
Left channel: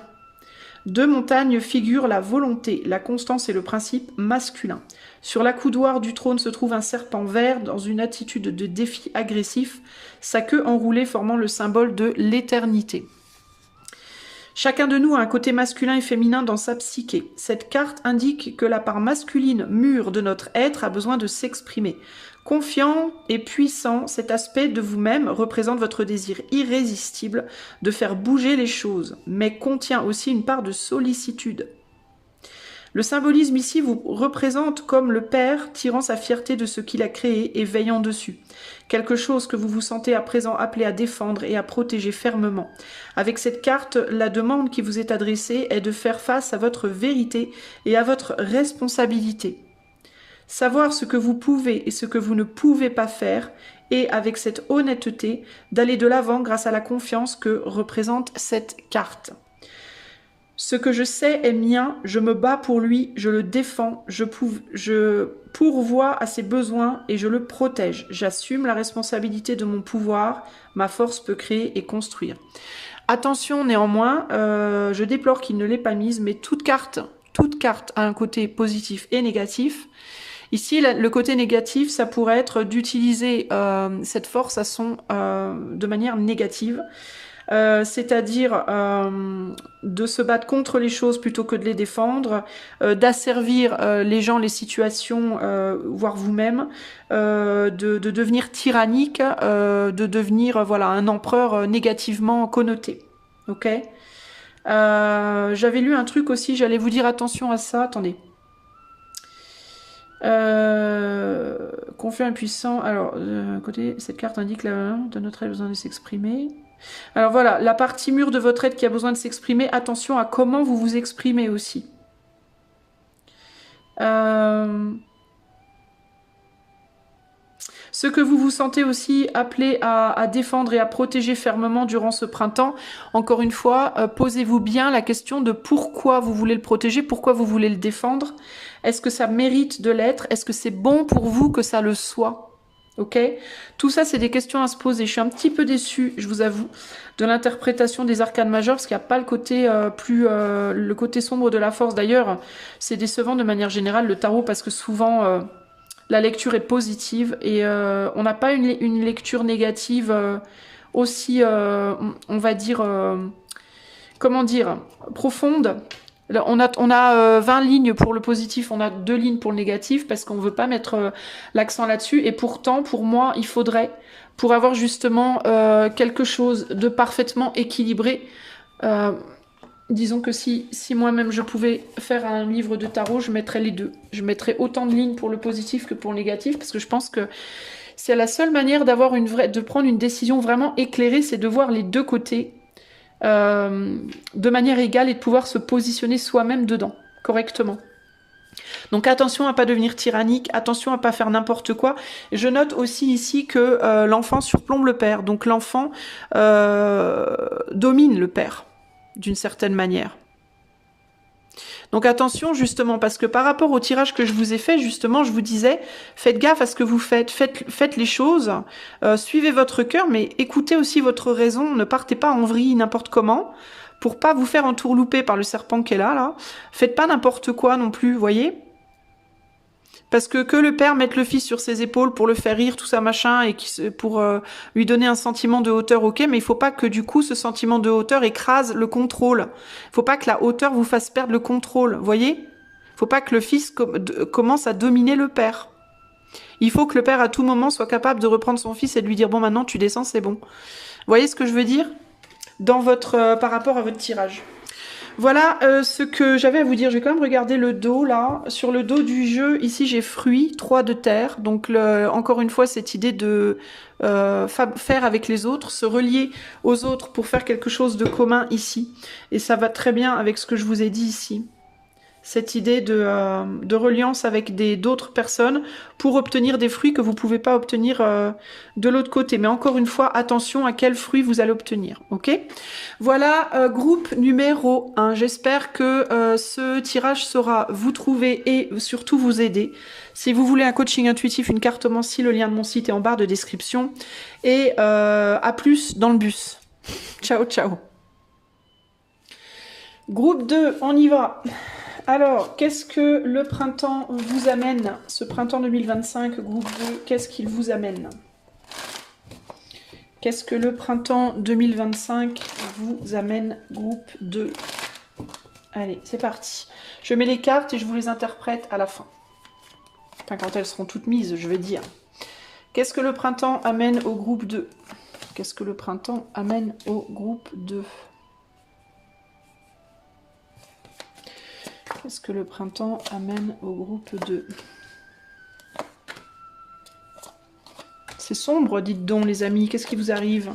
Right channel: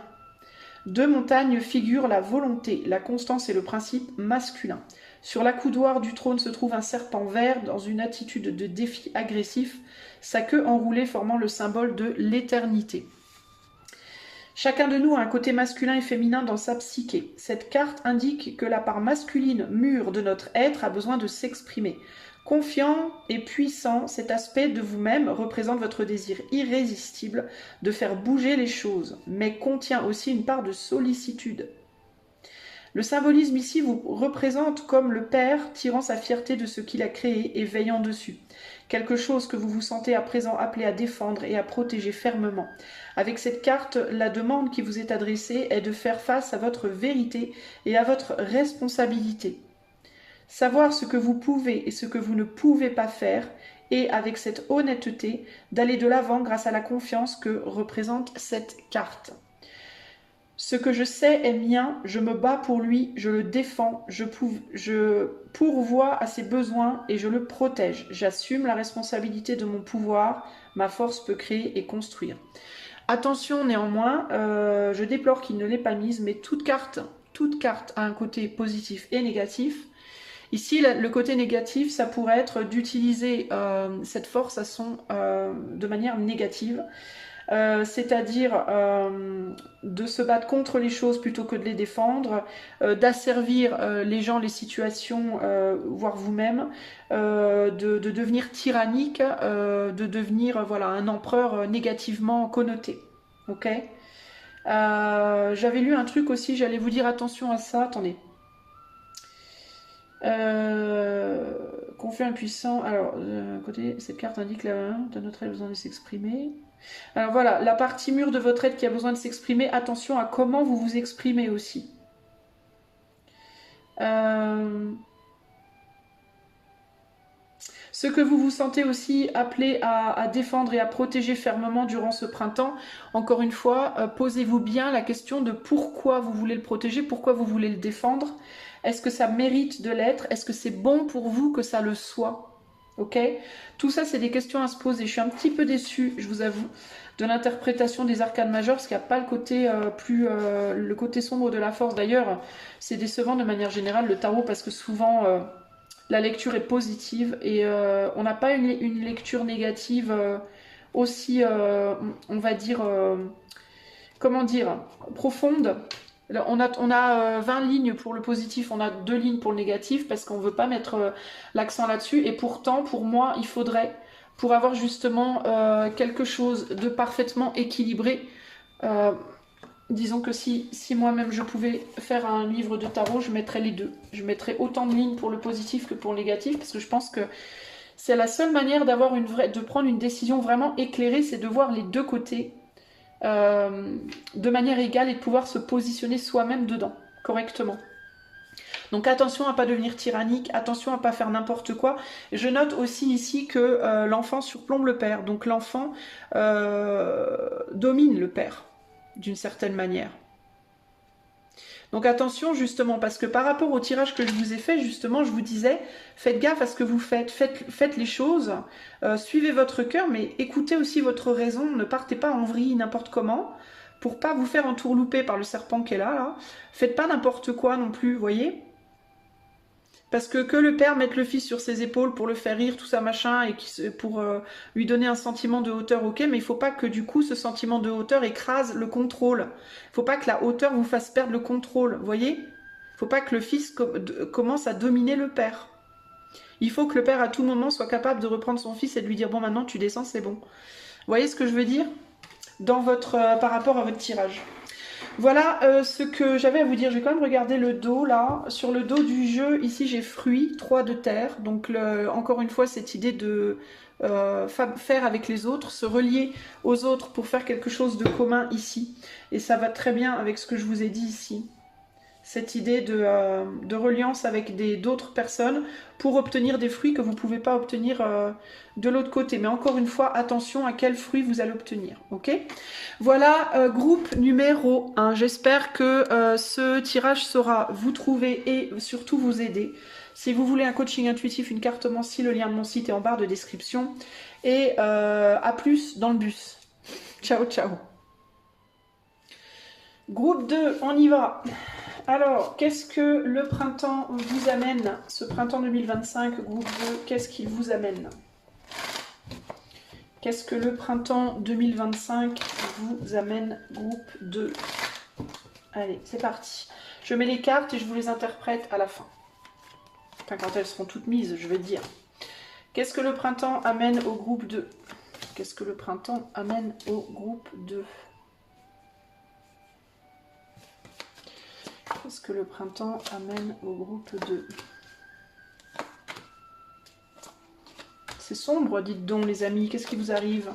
Deux montagnes figurent la volonté, la constance et le principe masculin. Sur l'accoudoir du trône se trouve un serpent vert dans une attitude de défi agressif, sa queue enroulée formant le symbole de l'éternité. Chacun de nous a un côté masculin et féminin dans sa psyché. Cette carte indique que la part masculine mûre de notre être a besoin de s'exprimer. Confiant et puissant, cet aspect de vous-même représente votre désir irrésistible de faire bouger les choses, mais contient aussi une part de sollicitude. Le symbolisme ici vous représente comme le père tirant sa fierté de ce qu'il a créé et veillant dessus. Quelque chose que vous vous sentez à présent appelé à défendre et à protéger fermement. Avec cette carte, la demande qui vous est adressée est de faire face à votre vérité et à votre responsabilité. Savoir ce que vous pouvez et ce que vous ne pouvez pas faire et avec cette honnêteté d'aller de l'avant grâce à la confiance que représente cette carte. Ce que je sais est mien, je me bats pour lui, je le défends, je pourvois à ses besoins et je le protège. J'assume la responsabilité de mon pouvoir, ma force peut créer et construire. Attention néanmoins, je déplore qu'il ne l'ait pas mise, mais toute carte a un côté positif et négatif. Ici, le côté négatif, ça pourrait être d'utiliser cette force de manière négative. C'est-à-dire de se battre contre les choses plutôt que de les défendre, d'asservir les gens, les situations, voire vous-même, de devenir tyrannique, de devenir voilà, un empereur négativement connoté. Ok. J'avais lu un truc aussi, j'allais vous dire attention à ça, attendez. Confiant et puissant. Alors, côté, cette carte indique de notre être besoin de s'exprimer. Alors voilà, la partie mûre de votre être qui a besoin de s'exprimer, attention à comment vous vous exprimez aussi. Ce que vous vous sentez aussi appelé à défendre et à protéger fermement durant ce printemps, encore une fois, posez-vous bien la question de pourquoi vous voulez le protéger, pourquoi vous voulez le défendre. Est-ce que ça mérite de l'être? Est-ce que c'est bon pour vous que ça le soit? Ok? Tout ça, c'est des questions à se poser. Je suis un petit peu déçue, je vous avoue, de l'interprétation des arcanes majeures, parce qu'il n'y a pas le côté le côté sombre de la force. D'ailleurs, c'est décevant de manière générale le tarot, parce que souvent... la lecture est positive et on n'a pas une lecture négative aussi, on va dire, comment dire, profonde. Là, on a 20 lignes pour le positif, on a 2 lignes pour le négatif parce qu'on ne veut pas mettre l'accent là-dessus. Et pourtant, pour moi, il faudrait, pour avoir justement quelque chose de parfaitement équilibré, disons que si moi-même je pouvais faire un livre de tarot, je mettrais les deux. Je mettrais autant de lignes pour le positif que pour le négatif, parce que je pense que c'est la seule manière de prendre une décision vraiment éclairée, c'est de voir les deux côtés de manière égale et de pouvoir se positionner soi-même dedans, correctement. Donc attention à ne pas devenir tyrannique, attention à ne pas faire n'importe quoi. Je note aussi ici que l'enfant surplombe le père, donc l'enfant domine le père d'une certaine manière. Donc attention justement, parce que par rapport au tirage que je vous ai fait, justement, je vous disais, faites gaffe à ce que vous faites, faites les choses, suivez votre cœur, mais écoutez aussi votre raison, ne partez pas en vrille n'importe comment, pour pas vous faire entourlouper par le serpent qui est là. Faites pas n'importe quoi non plus, vous voyez ? Parce que le père mette le fils sur ses épaules pour le faire rire, tout ça machin, et pour lui donner un sentiment de hauteur, ok, mais il faut pas que du coup ce sentiment de hauteur écrase le contrôle. Il faut pas que la hauteur vous fasse perdre le contrôle, voyez ? Il faut pas que le fils commence à dominer le père. Il faut que le père à tout moment soit capable de reprendre son fils et de lui dire bon maintenant tu descends, c'est bon. Vous voyez ce que je veux dire ? Par rapport à votre tirage. Voilà ce que j'avais à vous dire. Je vais quand même regarder le dos là. Sur le dos du jeu, ici j'ai fruits, 3 de terre. Donc encore une fois, cette idée de faire avec les autres, se relier aux autres pour faire quelque chose de commun ici. Et ça va très bien avec ce que je vous ai dit ici. Cette idée de reliance avec d'autres personnes pour obtenir des fruits que vous ne pouvez pas obtenir de l'autre côté. Mais encore une fois, attention à quels fruits vous allez obtenir. Ok ? Voilà, groupe numéro 1. J'espère que ce tirage saura vous trouver et surtout vous aider. Si vous voulez un coaching intuitif, une cartomancie, le lien de mon site est en barre de description. Et à plus dans le bus. Ciao, ciao. Groupe 2, on y va. Alors, qu'est-ce que le printemps vous amène? Ce printemps 2025, groupe 2, qu'est-ce qu'il vous amène? Qu'est-ce que le printemps 2025 vous amène, groupe 2? Allez, c'est parti. Je mets les cartes et je vous les interprète à la fin. Enfin, quand elles seront toutes mises, je veux dire. Qu'est-ce que le printemps amène au groupe 2? Qu'est-ce que le printemps amène au groupe 2? Qu'est-ce que le printemps amène au groupe 2? C'est sombre, dites donc, les amis. Qu'est-ce qui vous arrive?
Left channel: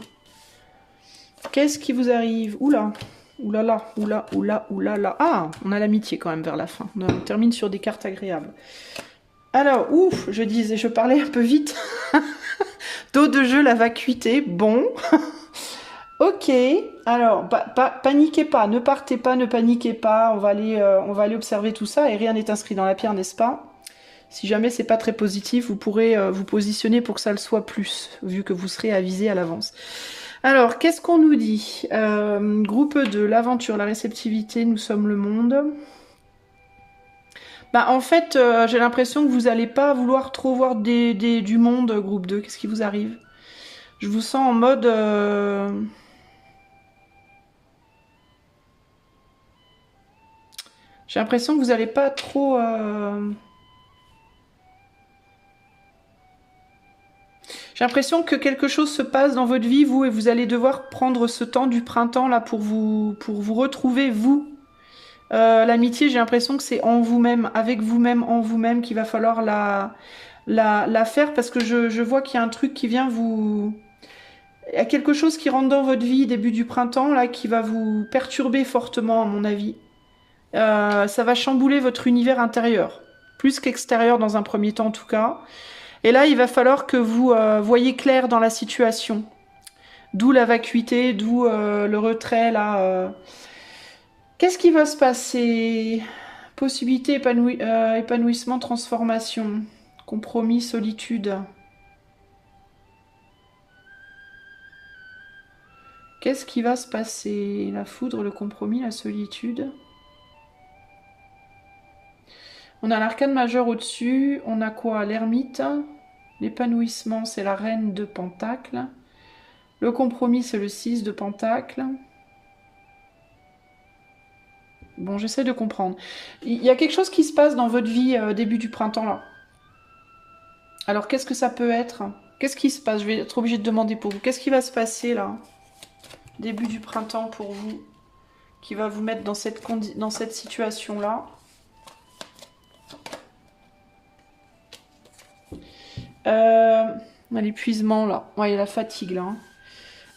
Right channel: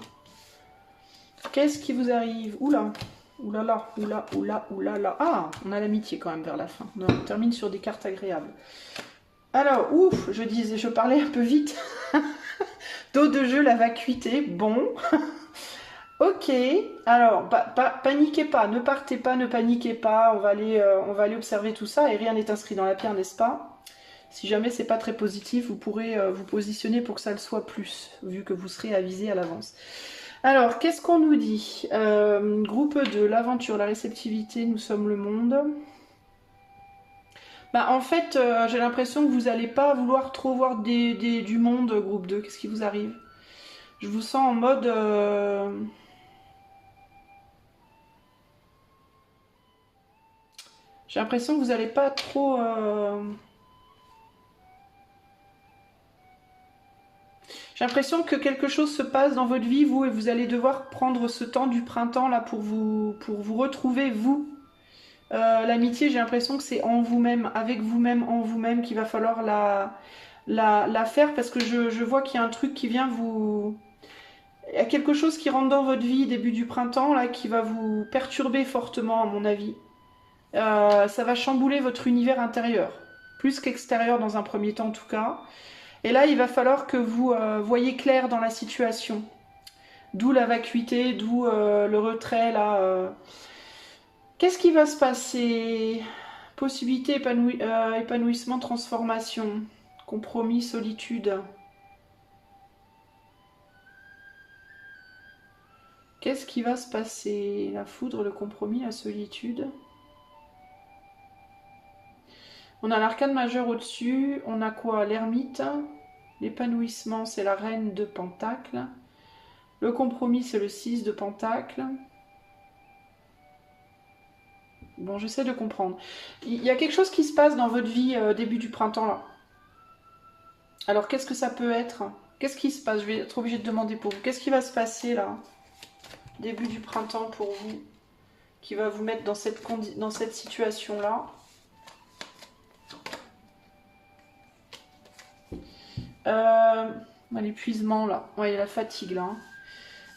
Qu'est-ce qui vous arrive? Oula, oulala, oula, oula, oulala. Ah, on a l'amitié quand même vers la fin. On termine sur des cartes agréables. Alors, ouf, je parlais un peu vite. Dos de jeu, la vacuité. Bon. Ok, alors, paniquez pas, ne partez pas, ne paniquez pas, on va aller observer tout ça et rien n'est inscrit dans la pierre, n'est-ce pas? Si jamais c'est pas très positif, vous pourrez vous positionner pour que ça le soit plus, vu que vous serez avisé à l'avance. Alors, qu'est-ce qu'on nous dit? Groupe 2, l'aventure, la réceptivité, nous sommes le monde. Bah, en fait, j'ai l'impression que vous n'allez pas vouloir trop voir du monde, groupe 2, qu'est-ce qui vous arrive? Je vous sens en mode... J'ai l'impression que vous n'allez pas trop... J'ai l'impression que quelque chose se passe dans votre vie, vous, et vous allez devoir prendre ce temps du printemps là pour vous retrouver, vous. L'amitié, j'ai l'impression que c'est en vous-même, avec vous-même, en vous-même, qu'il va falloir la faire, parce que je vois qu'il y a un truc qui vient vous... Il y a quelque chose qui rentre dans votre vie début du printemps, là, qui va vous perturber fortement, à mon avis. Ça va chambouler votre univers intérieur, plus qu'extérieur dans un premier temps en tout cas. Et là, il va falloir que vous voyez clair dans la situation. D'où la vacuité, d'où le retrait, là. Qu'est-ce qui va se passer? Possibilité, épanouissement, transformation, compromis, solitude. Qu'est-ce qui va se passer? La foudre, le compromis, la solitude. On a l'arcane majeur au-dessus. On a quoi? L'ermite. L'épanouissement, c'est la reine de Pentacle. Le compromis, c'est le 6 de Pentacle. Bon, j'essaie de comprendre. Il y a quelque chose qui se passe dans votre vie début du printemps, là. Alors, qu'est-ce que ça peut être? Qu'est-ce qui se passe? Je vais être obligée de demander pour vous. Qu'est-ce qui va se passer, là? Début du printemps pour vous, qui va vous mettre dans cette situation-là. L'épuisement, là. Ouais, il y a la fatigue, là.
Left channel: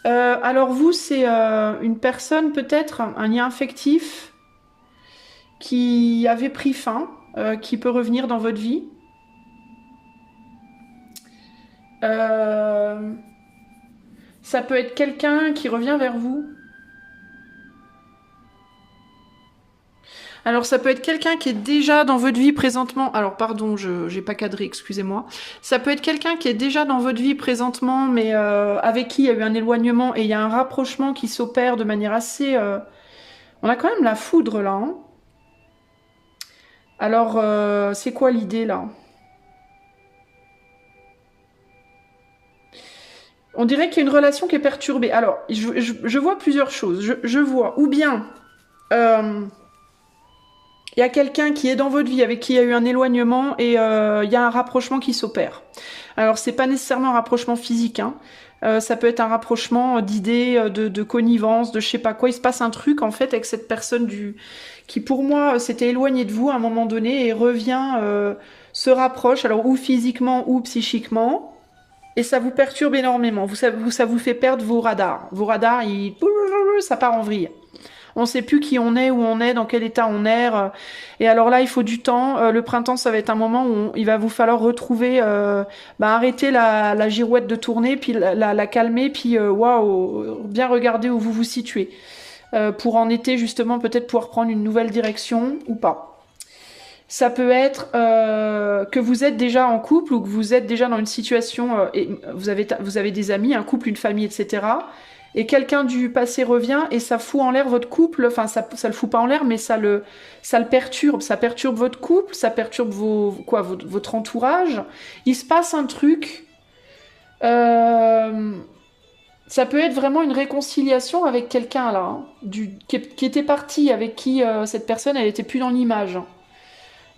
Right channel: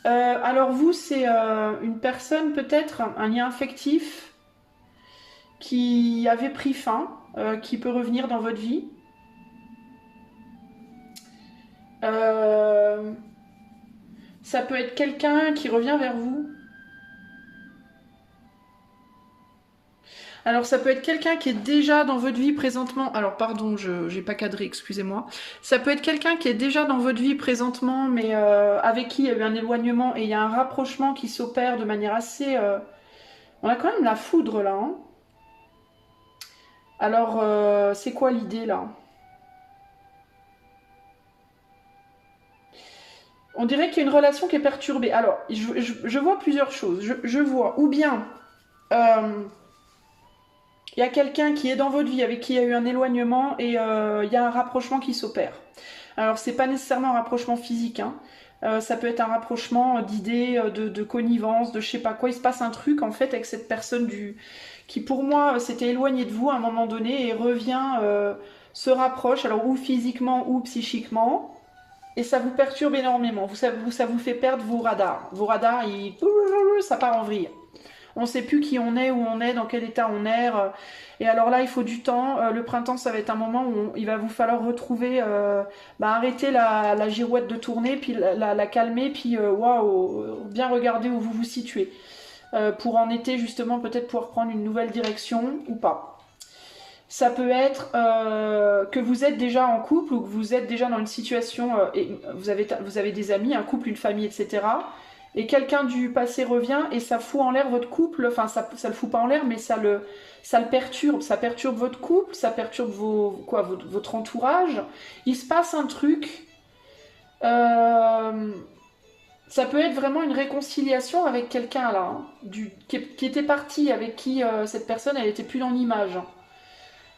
Alors, vous, c'est une personne, peut-être, un lien affectif qui avait pris fin, qui peut revenir dans votre vie. Ça peut être quelqu'un qui revient vers vous. Alors ça peut être quelqu'un qui est déjà dans votre vie présentement. Alors pardon, je n'ai pas cadré, excusez-moi. Ça peut être quelqu'un qui est déjà dans votre vie présentement, mais avec qui il y a eu un éloignement et il y a un rapprochement qui s'opère de manière assez... On a quand même la foudre là. Hein. Alors c'est quoi l'idée là? On dirait qu'il y a une relation qui est perturbée. Alors, je vois plusieurs choses. Je vois, ou bien, il y a quelqu'un qui est dans votre vie, avec qui il y a eu un éloignement, et il y a un rapprochement qui s'opère. Alors, c'est pas nécessairement un rapprochement physique, hein. Ça peut être un rapprochement d'idées, de connivence, de je sais pas quoi. Il se passe un truc, en fait, avec cette personne qui, pour moi, s'était éloignée de vous à un moment donné, et revient, se rapproche, alors ou physiquement ou psychiquement. Et ça vous perturbe énormément. Ça vous fait perdre vos radars. Vos radars, ça part en vrille. On ne sait plus qui on est, où on est, dans quel état on est. Et alors là, il faut du temps. Le printemps, ça va être un moment où il va vous falloir retrouver, arrêter la girouette de tourner, puis la calmer, puis waouh, bien regarder où vous vous situez. Pour en été, justement, peut-être pouvoir prendre une nouvelle direction ou pas. Ça peut être que vous êtes déjà en couple ou que vous êtes déjà dans une situation et vous avez des amis, un couple, une famille, etc. Et quelqu'un du passé revient et ça fout en l'air votre couple. Enfin, ça le fout pas en l'air, mais ça le perturbe. Ça perturbe votre couple, ça perturbe votre entourage. Il se passe un truc. Ça peut être vraiment une réconciliation avec quelqu'un là, hein, qui était parti, avec qui cette personne, elle était plus dans l'image.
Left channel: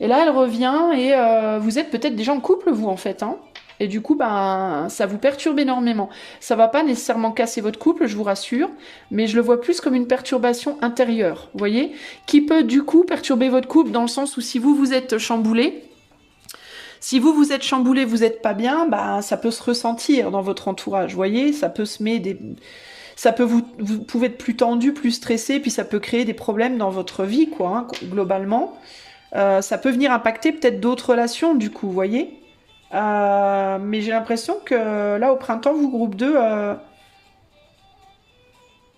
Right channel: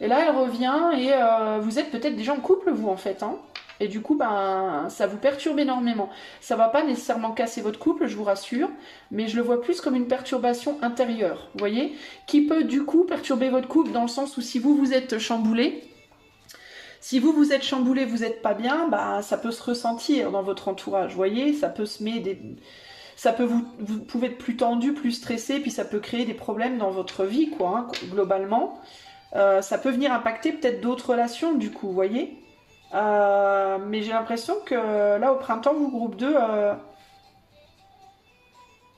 Et là, elle revient et vous êtes peut-être déjà en couple, vous, en fait. Hein. Et du coup, ça vous perturbe énormément. Ça va pas nécessairement casser votre couple, je vous rassure, mais je le vois plus comme une perturbation intérieure, vous voyez, qui peut du coup perturber votre couple dans le sens où si vous êtes chamboulé, vous n'êtes pas bien, ça peut se ressentir dans votre entourage, vous voyez, ça peut vous pouvez être plus tendu, plus stressé, puis ça peut créer des problèmes dans votre vie, quoi, hein, globalement. Ça peut venir impacter peut-être d'autres relations, du coup, vous voyez. Mais j'ai l'impression que là, au printemps, vous, groupe 2,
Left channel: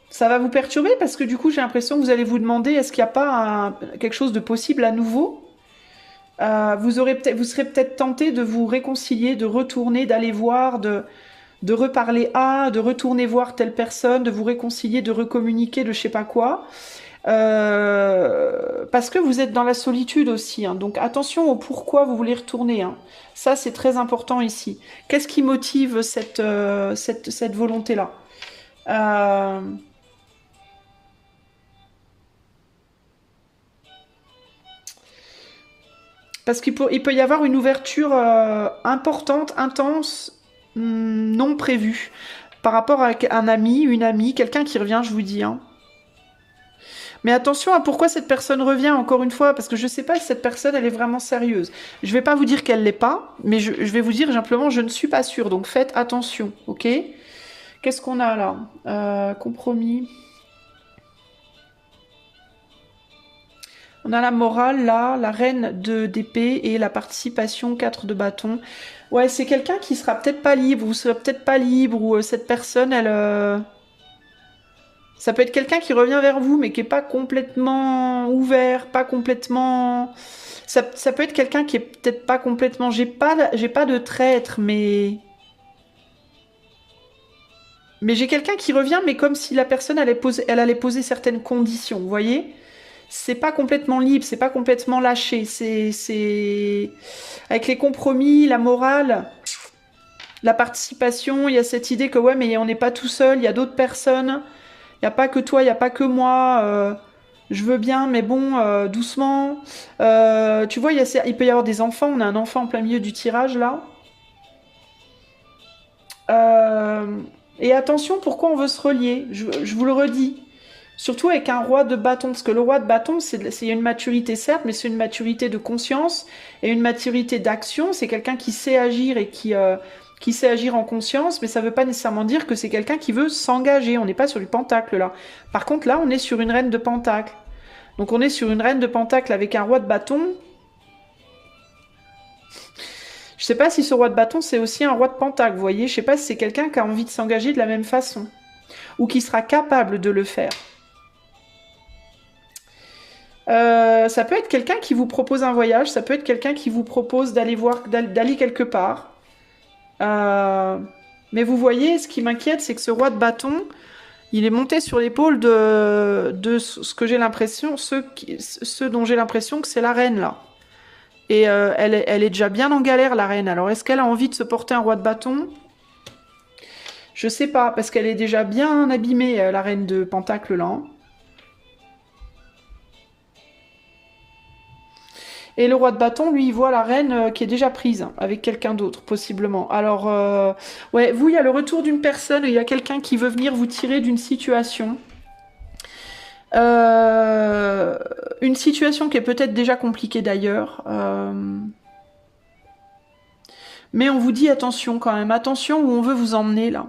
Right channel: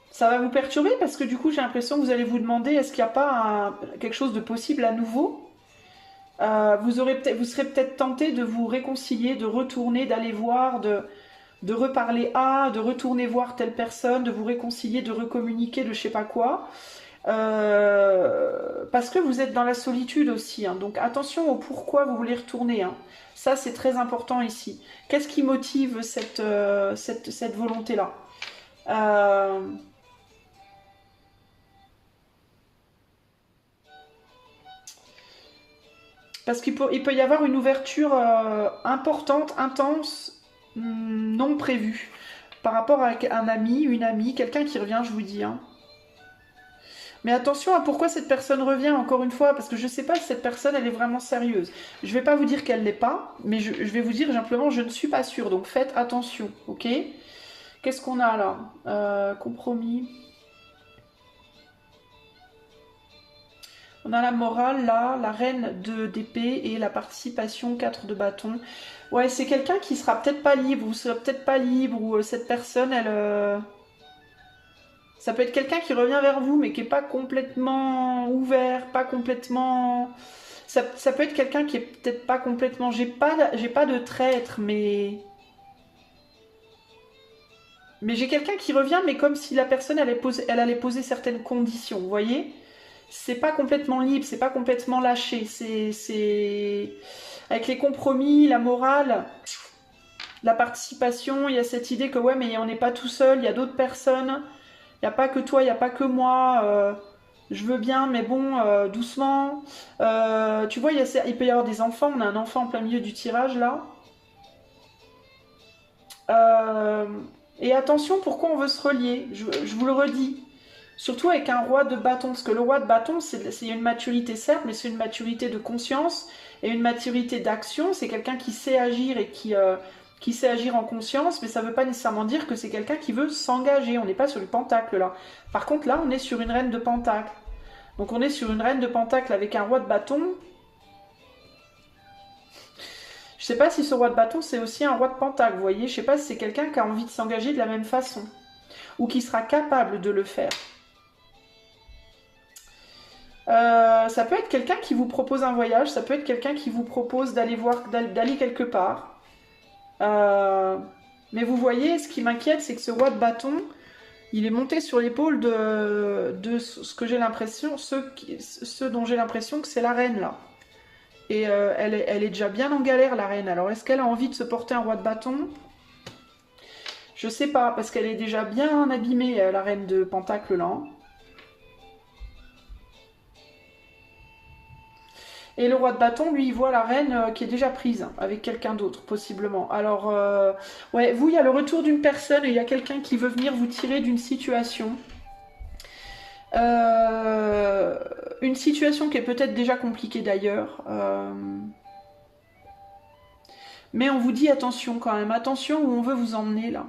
ça va vous perturber parce que du coup, j'ai l'impression que vous allez vous demander est-ce qu'il n'y a pas quelque chose de possible à nouveau. Vous serez peut-être tenté de vous réconcilier, de retourner, d'aller voir, de reparler de retourner voir telle personne, de vous réconcilier, de recommuniquer, de je sais pas quoi. Parce que vous êtes dans la solitude aussi, hein. Donc attention au pourquoi vous voulez retourner, hein. Ça c'est très important ici. Qu'est-ce qui motive cette volonté-là? Parce qu'il peut y avoir une ouverture importante, intense, non prévue, par rapport à un ami, une amie, quelqu'un qui revient, je vous dis, hein. Mais attention à pourquoi cette personne revient, encore une fois, parce que je ne sais pas si cette personne, elle est vraiment sérieuse. Je ne vais pas vous dire qu'elle ne l'est pas, mais je vais vous dire simplement, je ne suis pas sûre. Donc faites attention, ok? Qu'est-ce qu'on a là? Compromis. On a la morale là, la reine d'épée et la participation, 4 de bâton. Ouais, c'est quelqu'un qui sera peut-être pas libre, ou sera peut-être pas libre, ou cette personne, elle... Ça peut être quelqu'un qui revient vers vous, mais qui est pas complètement ouvert, pas complètement... Ça peut être quelqu'un qui est peut-être pas complètement... J'ai pas de traître, mais... Mais j'ai quelqu'un qui revient, mais comme si la personne elle allait poser certaines conditions, vous voyez? C'est pas complètement libre, c'est pas complètement lâché. C'est... Avec les compromis, la morale, la participation, il y a cette idée que ouais, mais on n'est pas tout seul, il y a d'autres personnes. Il n'y a pas que toi, il n'y a pas que moi. Je veux bien, mais bon, doucement. Tu vois, il peut y avoir des enfants. On a un enfant en plein milieu du tirage, là. Et attention, pourquoi on veut se relier? Je vous le redis. Surtout avec un roi de bâton. Parce que le roi de bâton, c'est une maturité, certes, mais c'est une maturité de conscience et une maturité d'action. C'est quelqu'un qui sait agir et qui sait agir en conscience, mais ça ne veut pas nécessairement dire que c'est quelqu'un qui veut s'engager. On n'est pas sur du pentacle, là. Par contre, là, on est sur une reine de pentacle. Donc, on est sur une reine de pentacle avec un roi de bâton. Je ne sais pas si ce roi de bâton, c'est aussi un roi de pentacle, vous voyez. Je ne sais pas si c'est quelqu'un qui a envie de s'engager de la même façon. Ou qui sera capable de le faire. Ça peut être quelqu'un qui vous propose un voyage. Ça peut être quelqu'un qui vous propose d'aller quelque part. Mais vous voyez, ce qui m'inquiète, c'est que ce roi de bâton, il est monté sur l'épaule de ce que j'ai l'impression, ceux dont j'ai l'impression que c'est la reine, là. Et elle est déjà bien en galère, la reine. Alors, est-ce qu'elle a envie de se porter un roi de bâton? Je sais pas, parce qu'elle est déjà bien abîmée, la reine de pentacle, là. Et le roi de bâton, lui, il voit la reine qui est déjà prise avec quelqu'un d'autre, possiblement. Alors, ouais, vous, il y a le retour d'une personne et il y a quelqu'un qui veut venir vous tirer d'une situation. Une situation qui est peut-être déjà compliquée d'ailleurs. Mais on vous dit attention quand même. Attention où on veut vous emmener, là.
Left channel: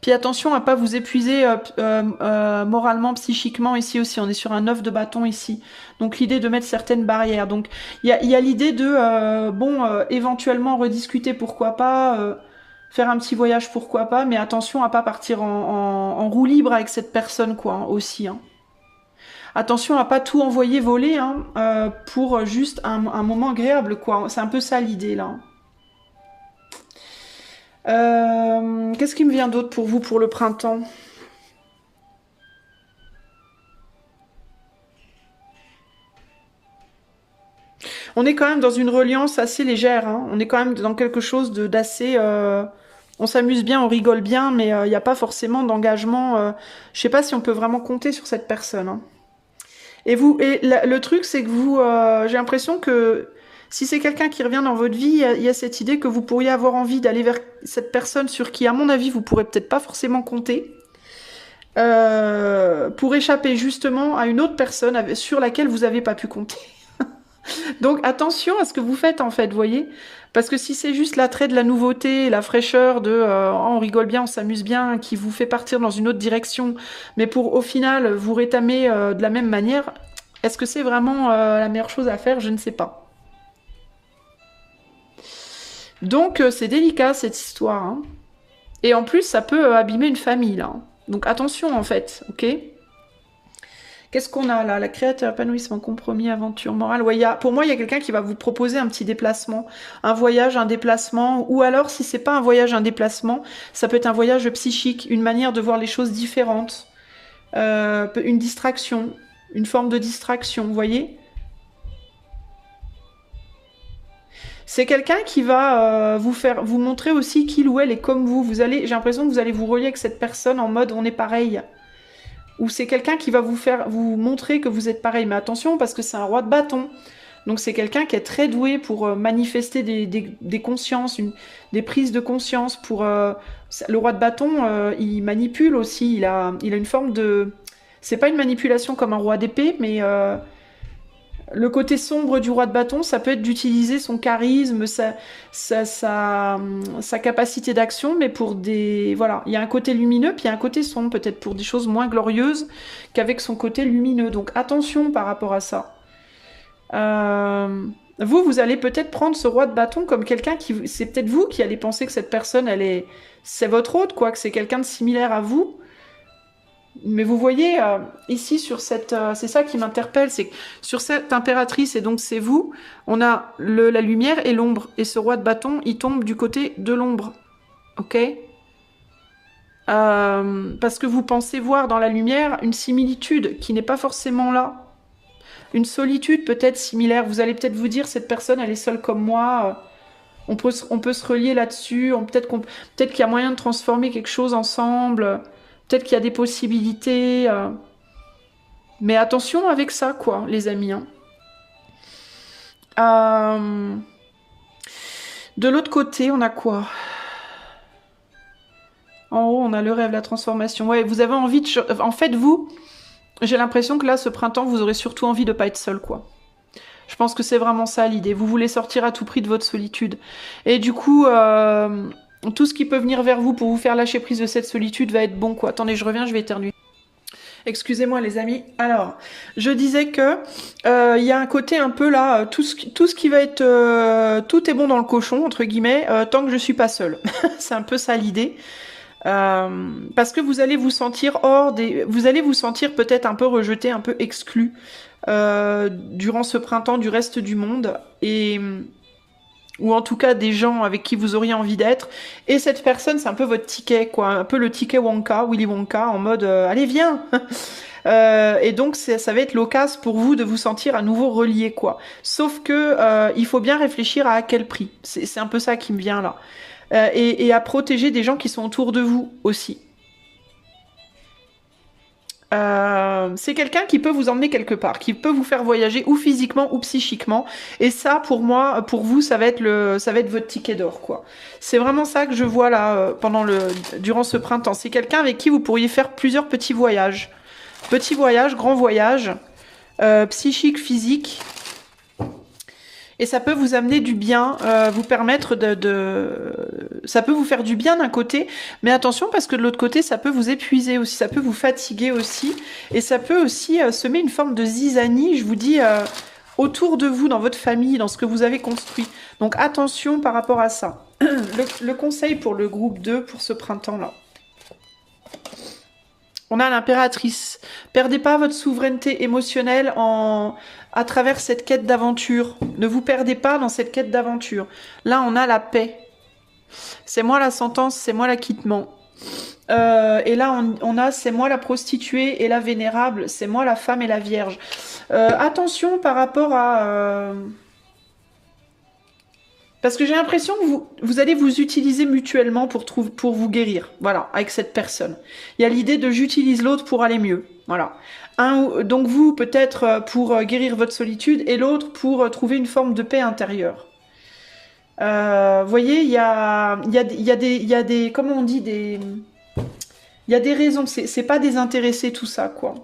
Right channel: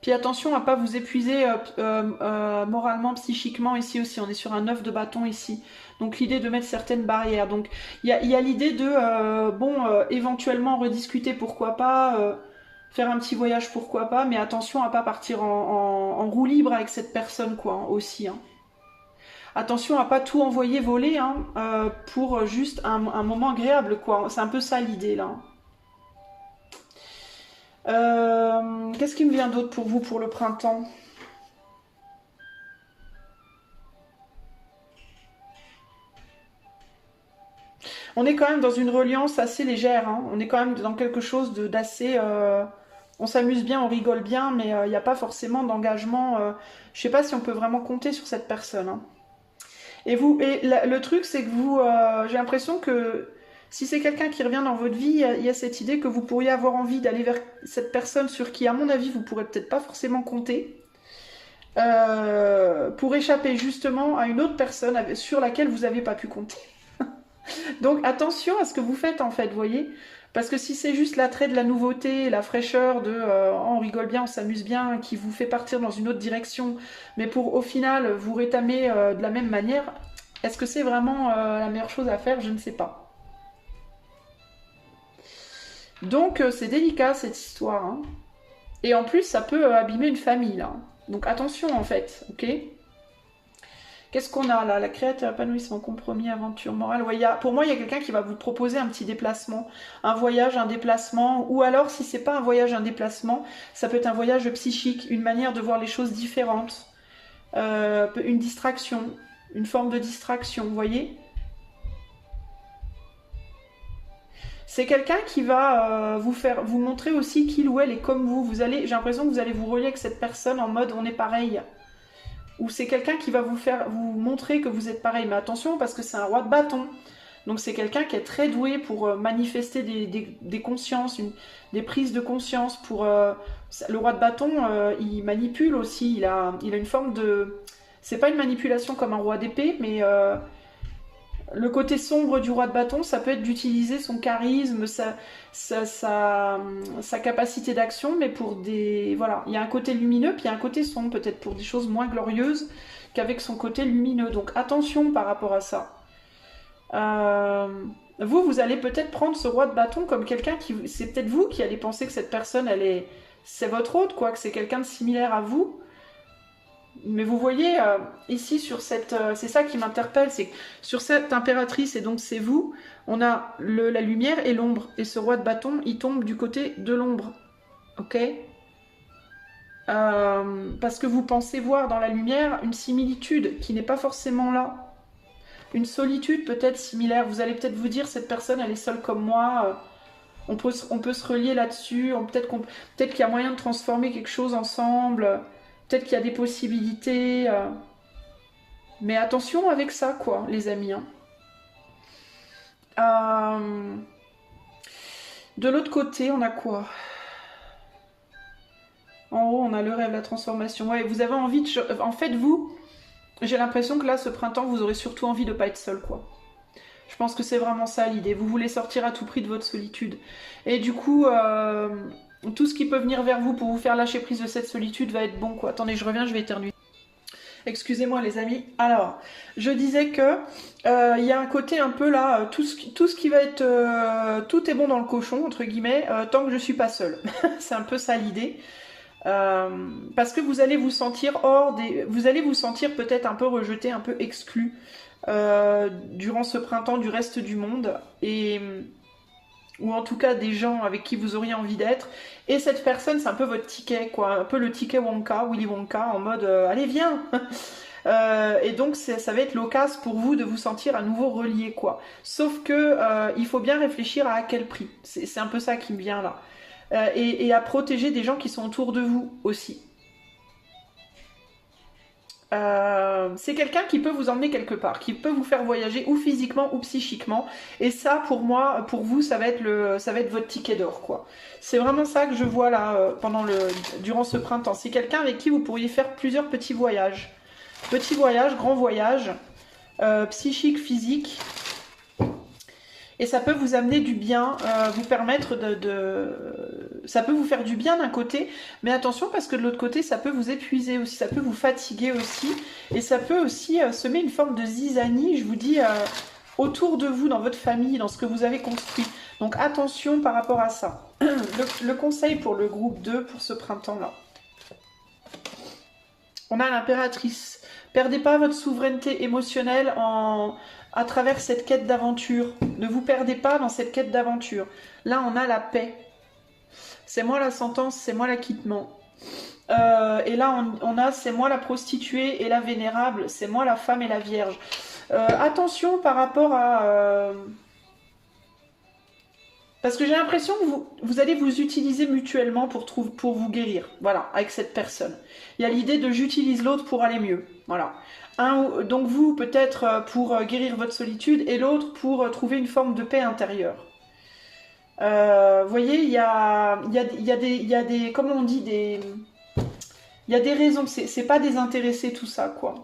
Puis attention à ne pas vous épuiser moralement, psychiquement ici aussi. On est sur un 9 de bâton ici. Donc l'idée de mettre certaines barrières. Donc il y a l'idée de, éventuellement rediscuter, pourquoi pas, faire un petit voyage, pourquoi pas, mais attention à ne pas partir en roue libre avec cette personne, quoi, hein, aussi. Hein. Attention à ne pas tout envoyer voler hein, pour juste un moment agréable, quoi. C'est un peu ça l'idée, là. Qu'est-ce qui me vient d'autre pour vous pour le printemps? On est quand même dans une reliance assez légère. Hein. On est quand même dans quelque chose d'assez... on s'amuse bien, on rigole bien, mais il n'y a pas forcément d'engagement. Je ne sais pas si on peut vraiment compter sur cette personne. Hein. Et le truc, c'est que vous... j'ai l'impression que... Si c'est quelqu'un qui revient dans votre vie, il y a cette idée que vous pourriez avoir envie d'aller vers cette personne sur qui, à mon avis, vous pourrez peut-être pas forcément compter, pour échapper justement à une autre personne sur laquelle vous n'avez pas pu compter. Donc attention à ce que vous faites en fait, vous voyez. Parce que si c'est juste l'attrait de la nouveauté, la fraîcheur de on rigole bien, on s'amuse bien, qui vous fait partir dans une autre direction, mais pour au final vous rétamer de la même manière, est-ce que c'est vraiment la meilleure chose à faire? Je ne sais pas. Donc c'est délicat cette histoire. Hein. Et en plus, ça peut abîmer une famille là. Donc attention en fait, ok? Qu'est-ce qu'on a là? La créateur, épanouissement, compromis, aventure, morale. Ouais, pour moi, il y a quelqu'un qui va vous proposer un petit déplacement, un voyage, un déplacement. Ou alors, si c'est pas un voyage, un déplacement, ça peut être un voyage psychique, une manière de voir les choses différentes, une distraction, une forme de distraction, vous voyez? C'est quelqu'un qui va vous montrer aussi qu'il ou elle est comme vous. J'ai l'impression que vous allez vous relier avec cette personne en mode on est pareil. Ou c'est quelqu'un qui va vous montrer que vous êtes pareil. Mais attention parce que c'est un roi de bâton. Donc c'est quelqu'un qui est très doué pour manifester des consciences, des prises de conscience. Le roi de bâton, il manipule aussi. Il a une forme de... C'est pas une manipulation comme un roi d'épée, mais Le côté sombre du roi de bâton, ça peut être d'utiliser son charisme, sa capacité d'action, mais pour des... Voilà, il y a un côté lumineux, puis il y a un côté sombre, peut-être pour des choses moins glorieuses qu'avec son côté lumineux. Donc attention par rapport à ça. Vous allez peut-être prendre ce roi de bâton comme quelqu'un qui... C'est peut-être vous qui allez penser que cette personne, c'est votre hôte, quoi, que c'est quelqu'un de similaire à vous. Mais vous voyez, ici, sur cette... c'est ça qui m'interpelle, c'est que sur cette impératrice, et donc c'est vous, on a la lumière et l'ombre. Et ce roi de bâton, il tombe du côté de l'ombre. Ok, parce que vous pensez voir dans la lumière une similitude qui n'est pas forcément là. Une solitude peut-être similaire. Vous allez peut-être vous dire, cette personne, elle est seule comme moi. On peut se relier là-dessus. Peut-être qu'il y a moyen de transformer quelque chose ensemble. Peut-être qu'il y a des possibilités. Mais attention avec ça, quoi, les amis. Hein. De l'autre côté, on a quoi? En haut, on a le rêve, la transformation. Ouais, vous avez envie de... En fait, vous, j'ai l'impression que là, ce printemps, vous aurez surtout envie de pas être seul, quoi. Je pense que c'est vraiment ça l'idée. Vous voulez sortir à tout prix de votre solitude. Et du coup, tout ce qui peut venir vers vous pour vous faire lâcher prise de cette solitude va être bon, quoi. Attendez, je reviens, je vais éternuer. Excusez-moi les amis. Alors, je disais que il y a un côté un peu là, tout ce qui va être... tout est bon dans le cochon, entre guillemets, tant que je suis pas seule. C'est un peu ça l'idée. Parce que vous allez vous sentir vous allez vous sentir peut-être un peu rejeté, un peu exclu durant ce printemps du reste du monde, ou en tout cas des gens avec qui vous auriez envie d'être. Et cette personne, c'est un peu votre ticket, quoi, un peu le ticket Wonka, Willy Wonka, en mode allez viens. Et donc ça va être l'occasion pour vous de vous sentir à nouveau relié, quoi. Sauf que il faut bien réfléchir à quel prix. C'est un peu ça qui me vient là. Et à protéger des gens qui sont autour de vous aussi. C'est quelqu'un qui peut vous emmener quelque part, qui peut vous faire voyager ou physiquement ou psychiquement. Et ça, pour moi, pour vous, ça va être votre ticket d'or, quoi. C'est vraiment ça que je vois là durant ce printemps. C'est quelqu'un avec qui vous pourriez faire plusieurs petits voyages. Petits voyages, grands voyages, psychiques, physiques. Et ça peut vous amener du bien, vous permettre ça peut vous faire du bien d'un côté, mais attention parce que de l'autre côté, ça peut vous épuiser aussi, ça peut vous fatiguer aussi, et ça peut aussi semer une forme de zizanie, je vous dis, autour de vous, dans votre famille, dans ce que vous avez construit. Donc attention par rapport à ça. Le conseil pour le groupe 2, pour ce printemps-là. On a l'impératrice. Perdez pas votre souveraineté émotionnelle à travers cette quête d'aventure. Ne vous perdez pas dans cette quête d'aventure. Là, on a la paix. C'est moi la sentence, c'est moi l'acquittement. Et là, on a c'est moi la prostituée et la vénérable, c'est moi la femme et la vierge. Attention par rapport à... Parce que j'ai l'impression que vous allez vous utiliser mutuellement pour vous guérir. Voilà, avec cette personne. Il y a l'idée de j'utilise l'autre pour aller mieux. Voilà. Donc vous, peut-être pour guérir votre solitude, et l'autre pour trouver une forme de paix intérieure. Vous voyez, il y a des... Comment on dit des... Il y a des raisons. C'est pas désintéressé tout ça, quoi.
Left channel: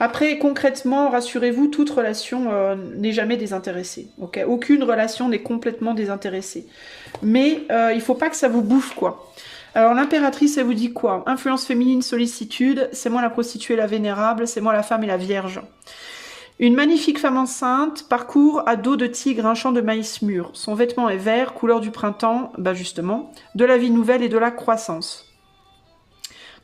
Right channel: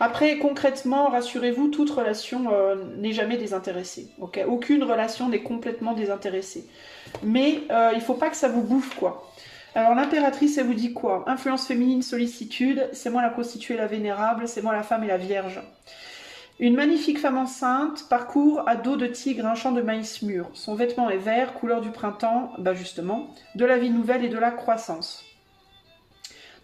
Après, concrètement, rassurez-vous, toute relation n'est jamais désintéressée. Okay, aucune relation n'est complètement désintéressée. Mais il ne faut pas que ça vous bouffe, quoi. Alors, l'impératrice, elle vous dit quoi? Influence féminine, sollicitude, c'est moi la prostituée, la vénérable, c'est moi la femme et la vierge. Une magnifique femme enceinte parcourt à dos de tigre un champ de maïs mûr. Son vêtement est vert, couleur du printemps, bah justement, de la vie nouvelle et de la croissance.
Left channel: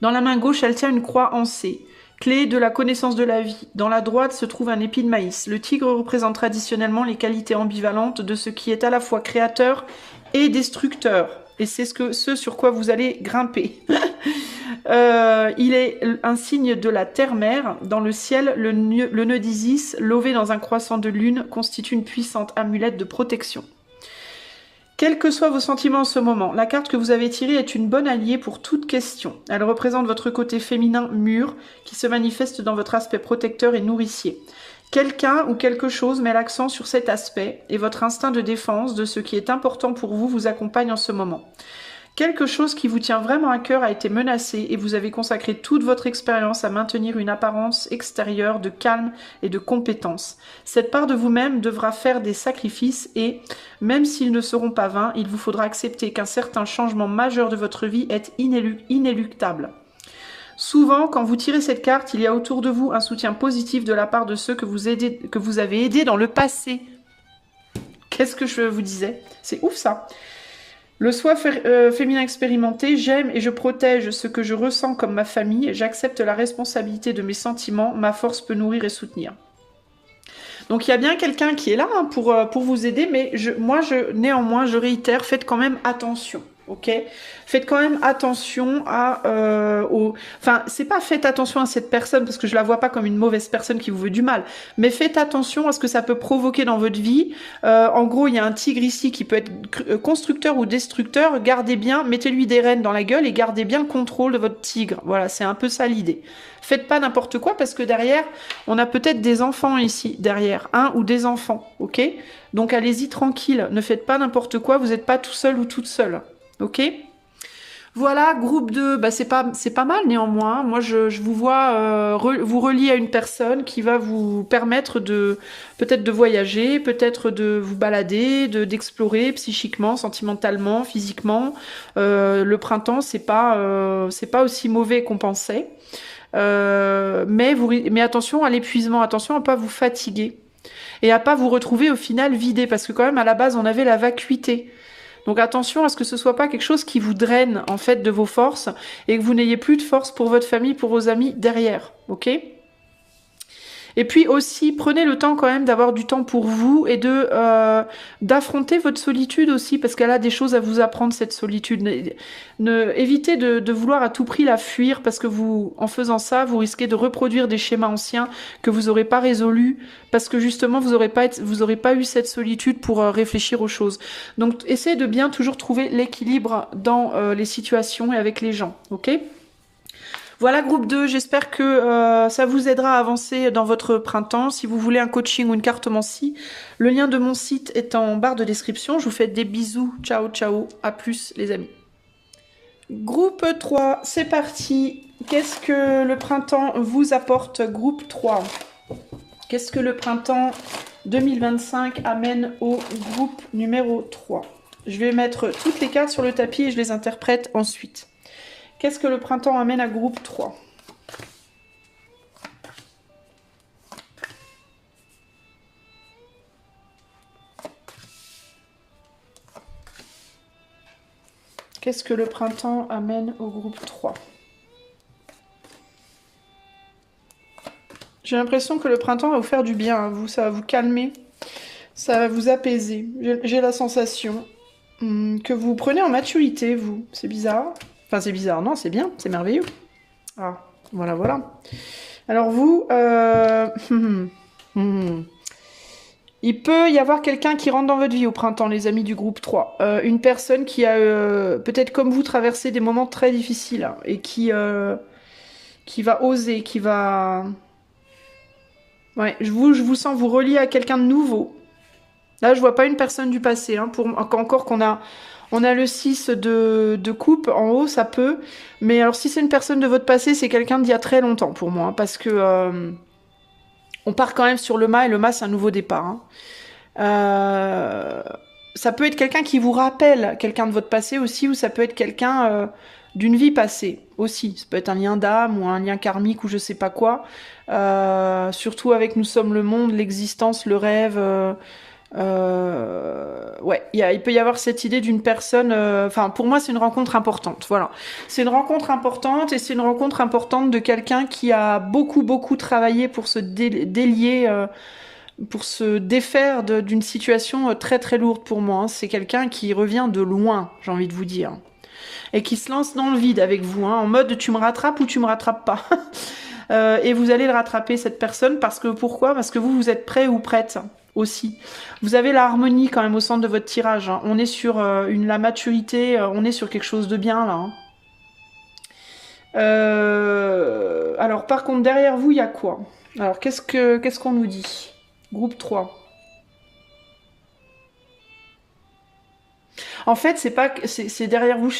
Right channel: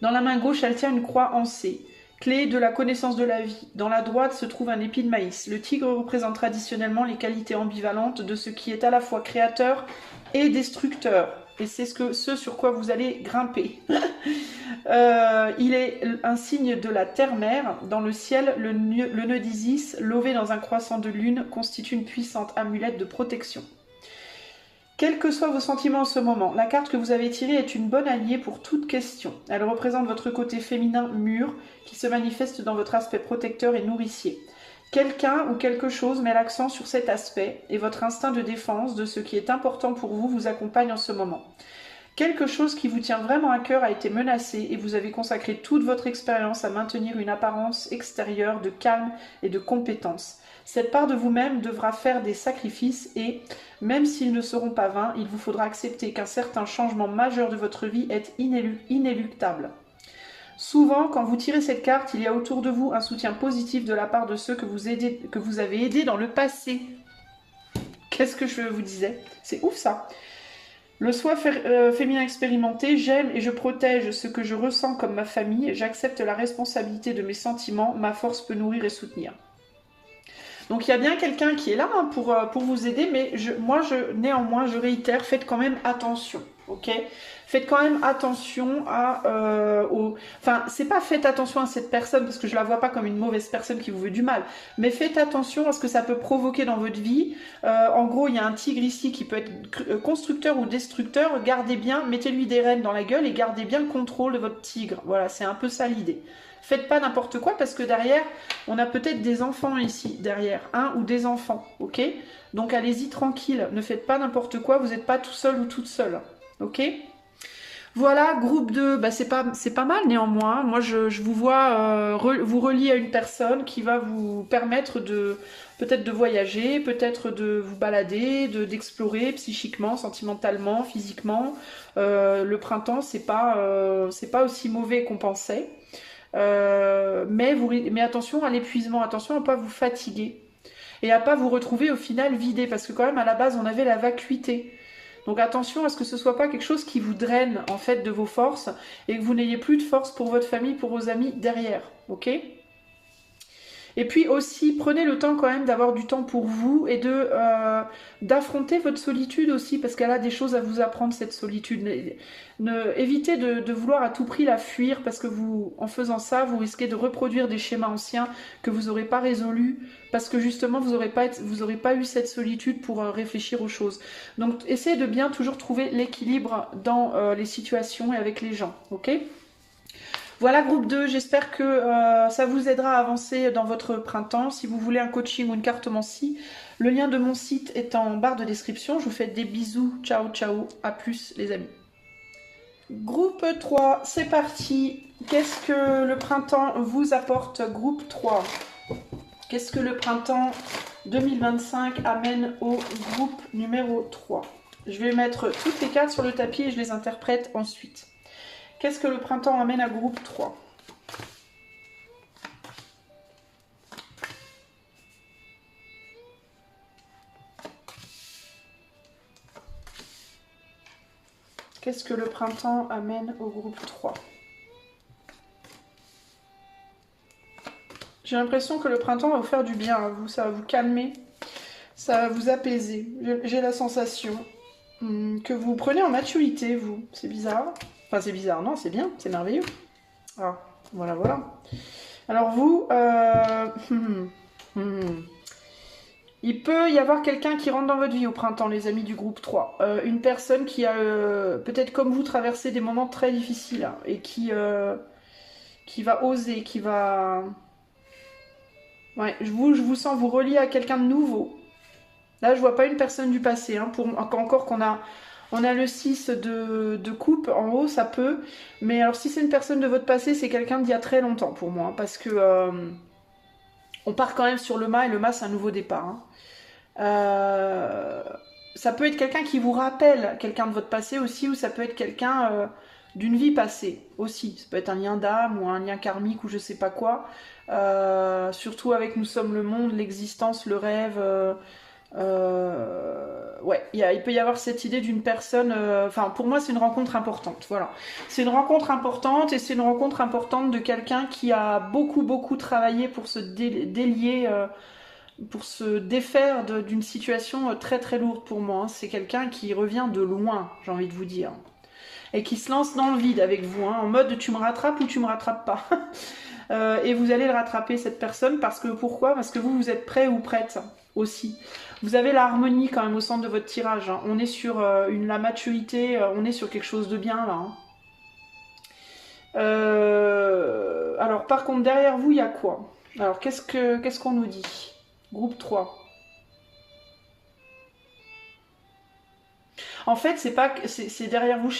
Dans la main gauche, elle tient une croix en C. Clé de la connaissance de la vie. Dans la droite se trouve un épi de maïs. Le tigre représente traditionnellement les qualités ambivalentes de ce qui est à la fois créateur et destructeur. Et c'est ce sur quoi vous allez grimper. Il est un signe de la terre-mère. Dans le ciel, le nœud d'Isis, lové dans un croissant de lune, constitue une puissante amulette de protection. Quels que soient vos sentiments en ce moment, la carte que vous avez tirée est une bonne alliée pour toute question. Elle représente votre côté féminin mûr qui se manifeste dans votre aspect protecteur et nourricier. Quelqu'un ou quelque chose met l'accent sur cet aspect et votre instinct de défense de ce qui est important pour vous accompagne en ce moment. Quelque chose qui vous tient vraiment à cœur a été menacé et vous avez consacré toute votre expérience à maintenir une apparence extérieure de calme et de compétence. Cette part de vous-même devra faire des sacrifices et, même s'ils ne seront pas vains, il vous faudra accepter qu'un certain changement majeur de votre vie est inéluctable. Souvent, quand vous tirez cette carte, il y a autour de vous un soutien positif de la part de ceux que vous avez aidés dans le passé. Qu'est-ce que je vous disais? C'est ouf ça. Le soi féminin expérimenté, j'aime et je protège ce que je ressens comme ma famille, j'accepte la responsabilité de mes sentiments, ma force peut nourrir et soutenir. Donc il y a bien quelqu'un qui est là hein, pour vous aider, mais néanmoins, je réitère, faites quand même attention. Ok, faites quand même attention enfin, c'est pas faites attention à cette personne parce que je la vois pas comme une mauvaise personne qui vous veut du mal, mais faites attention à ce que ça peut provoquer dans votre vie. En gros, il y a un tigre ici qui peut être constructeur ou destructeur. Gardez bien, mettez-lui des rênes dans la gueule et gardez bien le contrôle de votre tigre. Voilà, c'est un peu ça l'idée. Faites pas n'importe quoi parce que derrière, on a peut-être des enfants ici, derrière, un ou des enfants, ok? Donc allez-y tranquille, ne faites pas n'importe quoi, vous n'êtes pas tout seul ou toute seule. Ok, voilà, groupe 2, bah c'est pas mal néanmoins. Moi, je vous vois vous relier à une personne qui va vous permettre peut-être de voyager, peut-être de vous balader, d'explorer psychiquement, sentimentalement, physiquement. Le printemps, c'est pas aussi mauvais qu'on pensait. Mais attention à l'épuisement, attention à pas vous fatiguer et à pas vous retrouver au final vidé, parce que quand même à la base, on avait la vacuité. Donc attention à ce que ce soit pas quelque chose qui vous draine en fait de vos forces et que vous n'ayez plus de force pour votre famille, pour vos amis derrière, ok? Et puis aussi, prenez le temps quand même d'avoir du temps pour vous et d'affronter votre solitude aussi, parce qu'elle a des choses à vous apprendre, cette solitude. Évitez de vouloir à tout prix la fuir, parce que en faisant ça, vous risquez de reproduire des schémas anciens que vous n'aurez pas résolus, parce que justement, vous n'aurez pas eu cette solitude pour réfléchir aux choses. Donc, essayez de bien toujours trouver l'équilibre dans les situations et avec les gens, ok ? Voilà, groupe 2, j'espère que ça vous aidera à avancer dans votre printemps. Si vous voulez un coaching ou une cartomancie, le lien de mon site est en barre de description. Je vous fais des bisous. Ciao, ciao. À plus, les amis. Groupe 3, c'est parti. Qu'est-ce que le printemps vous apporte, groupe 3? Qu'est-ce que le printemps 2025 amène au groupe numéro 3? Je vais mettre toutes les cartes sur le tapis et je les interprète ensuite. Qu'est-ce que le printemps amène à groupe 3? Qu'est-ce que le printemps amène au groupe 3? J'ai l'impression que le printemps va vous faire du bien à vous, ça va vous calmer, ça va vous apaiser. J'ai la sensation que vous prenez en maturité, vous. C'est bizarre. Enfin, c'est bizarre, non, c'est bien, c'est merveilleux. Ah, voilà, voilà. Alors vous, il peut y avoir quelqu'un qui rentre dans votre vie au printemps, les amis du groupe 3. Une personne qui a peut-être comme vous traversé des moments très difficiles hein, et qui va oser, qui va... Ouais, je vous sens vous relier à quelqu'un de nouveau. Là, je vois pas une personne du passé. Hein, encore qu'on a... On a le 6 de coupe en haut, ça peut. Mais alors, si c'est une personne de votre passé, c'est quelqu'un d'il y a très longtemps pour moi. Hein, parce que on part quand même sur le mât, et le mât, c'est un nouveau départ. Hein. Ça peut être quelqu'un qui vous rappelle quelqu'un de votre passé aussi, ou ça peut être quelqu'un d'une vie passée aussi. Ça peut être un lien d'âme ou un lien karmique ou je sais pas quoi. Surtout avec Nous sommes le monde, l'existence, le rêve... ouais, il peut y avoir cette idée d'une personne... Enfin, pour moi, c'est une rencontre importante. Voilà. C'est une rencontre importante et c'est une rencontre importante de quelqu'un qui a beaucoup travaillé pour se délier, pour se défaire d'une situation très lourde pour moi. Hein. C'est quelqu'un qui revient de loin, j'ai envie de vous dire. Et qui se lance dans le vide avec vous, hein, en mode tu me rattrapes ou tu me rattrapes pas. Et vous allez le rattraper, cette personne, parce que pourquoi? Parce que vous êtes prêt ou prête aussi. Vous avez l'harmonie quand même au centre de votre tirage. Hein. On est sur la maturité, on est sur quelque chose de bien là. Hein. Alors par contre, derrière vous, il y a quoi? Alors qu'est-ce qu'on nous dit? Groupe 3. En fait, c'est pas, c'est derrière vous,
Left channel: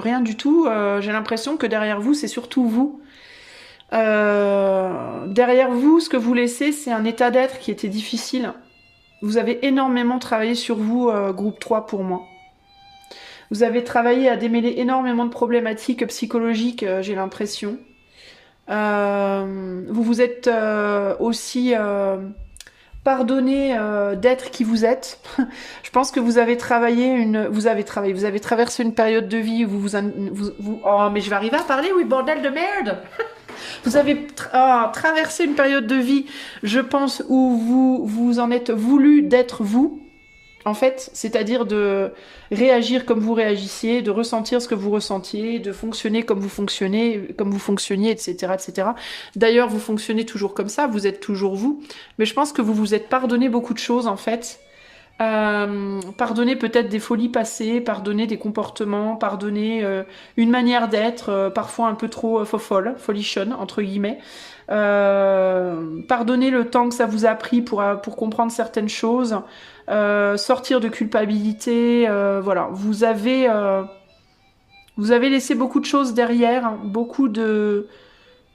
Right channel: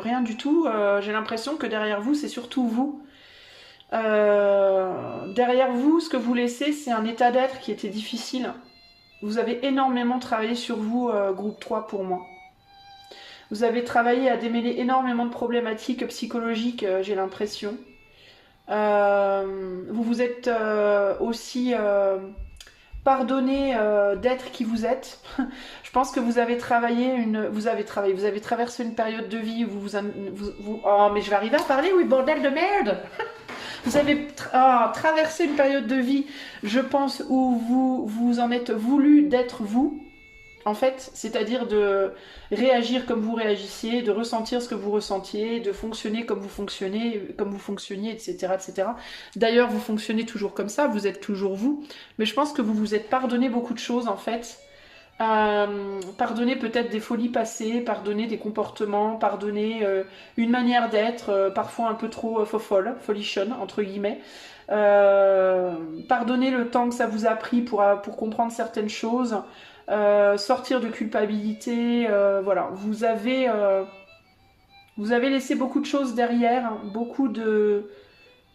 rien du tout. J'ai l'impression que derrière vous, c'est surtout vous. Derrière vous, ce que vous laissez, c'est un état d'être qui était difficile. Vous avez énormément travaillé sur vous, groupe 3 pour moi. Vous avez travaillé à démêler énormément de problématiques psychologiques, j'ai l'impression. Vous vous êtes aussi pardonné d'être qui vous êtes. Je pense que vous avez vous avez traversé une période de vie où oh, mais je vais arriver à parler, oui, bordel de merde. Vous avez traversé une période de vie, je pense, où vous en êtes voulu d'être vous, en fait, c'est-à-dire de réagir comme vous réagissiez, de ressentir ce que vous ressentiez, de fonctionner comme vous fonctionniez, etc., etc. D'ailleurs, vous fonctionnez toujours comme ça, vous êtes toujours vous, mais je pense que vous vous êtes pardonné beaucoup de choses, en fait. Pardonner peut-être des folies passées, pardonner des comportements, pardonner une manière d'être, parfois un peu trop fofolle, folichonne, entre guillemets. Pardonner le temps que ça vous a pris pour comprendre certaines choses, sortir de culpabilité, voilà. Vous avez laissé beaucoup de choses derrière, hein, beaucoup de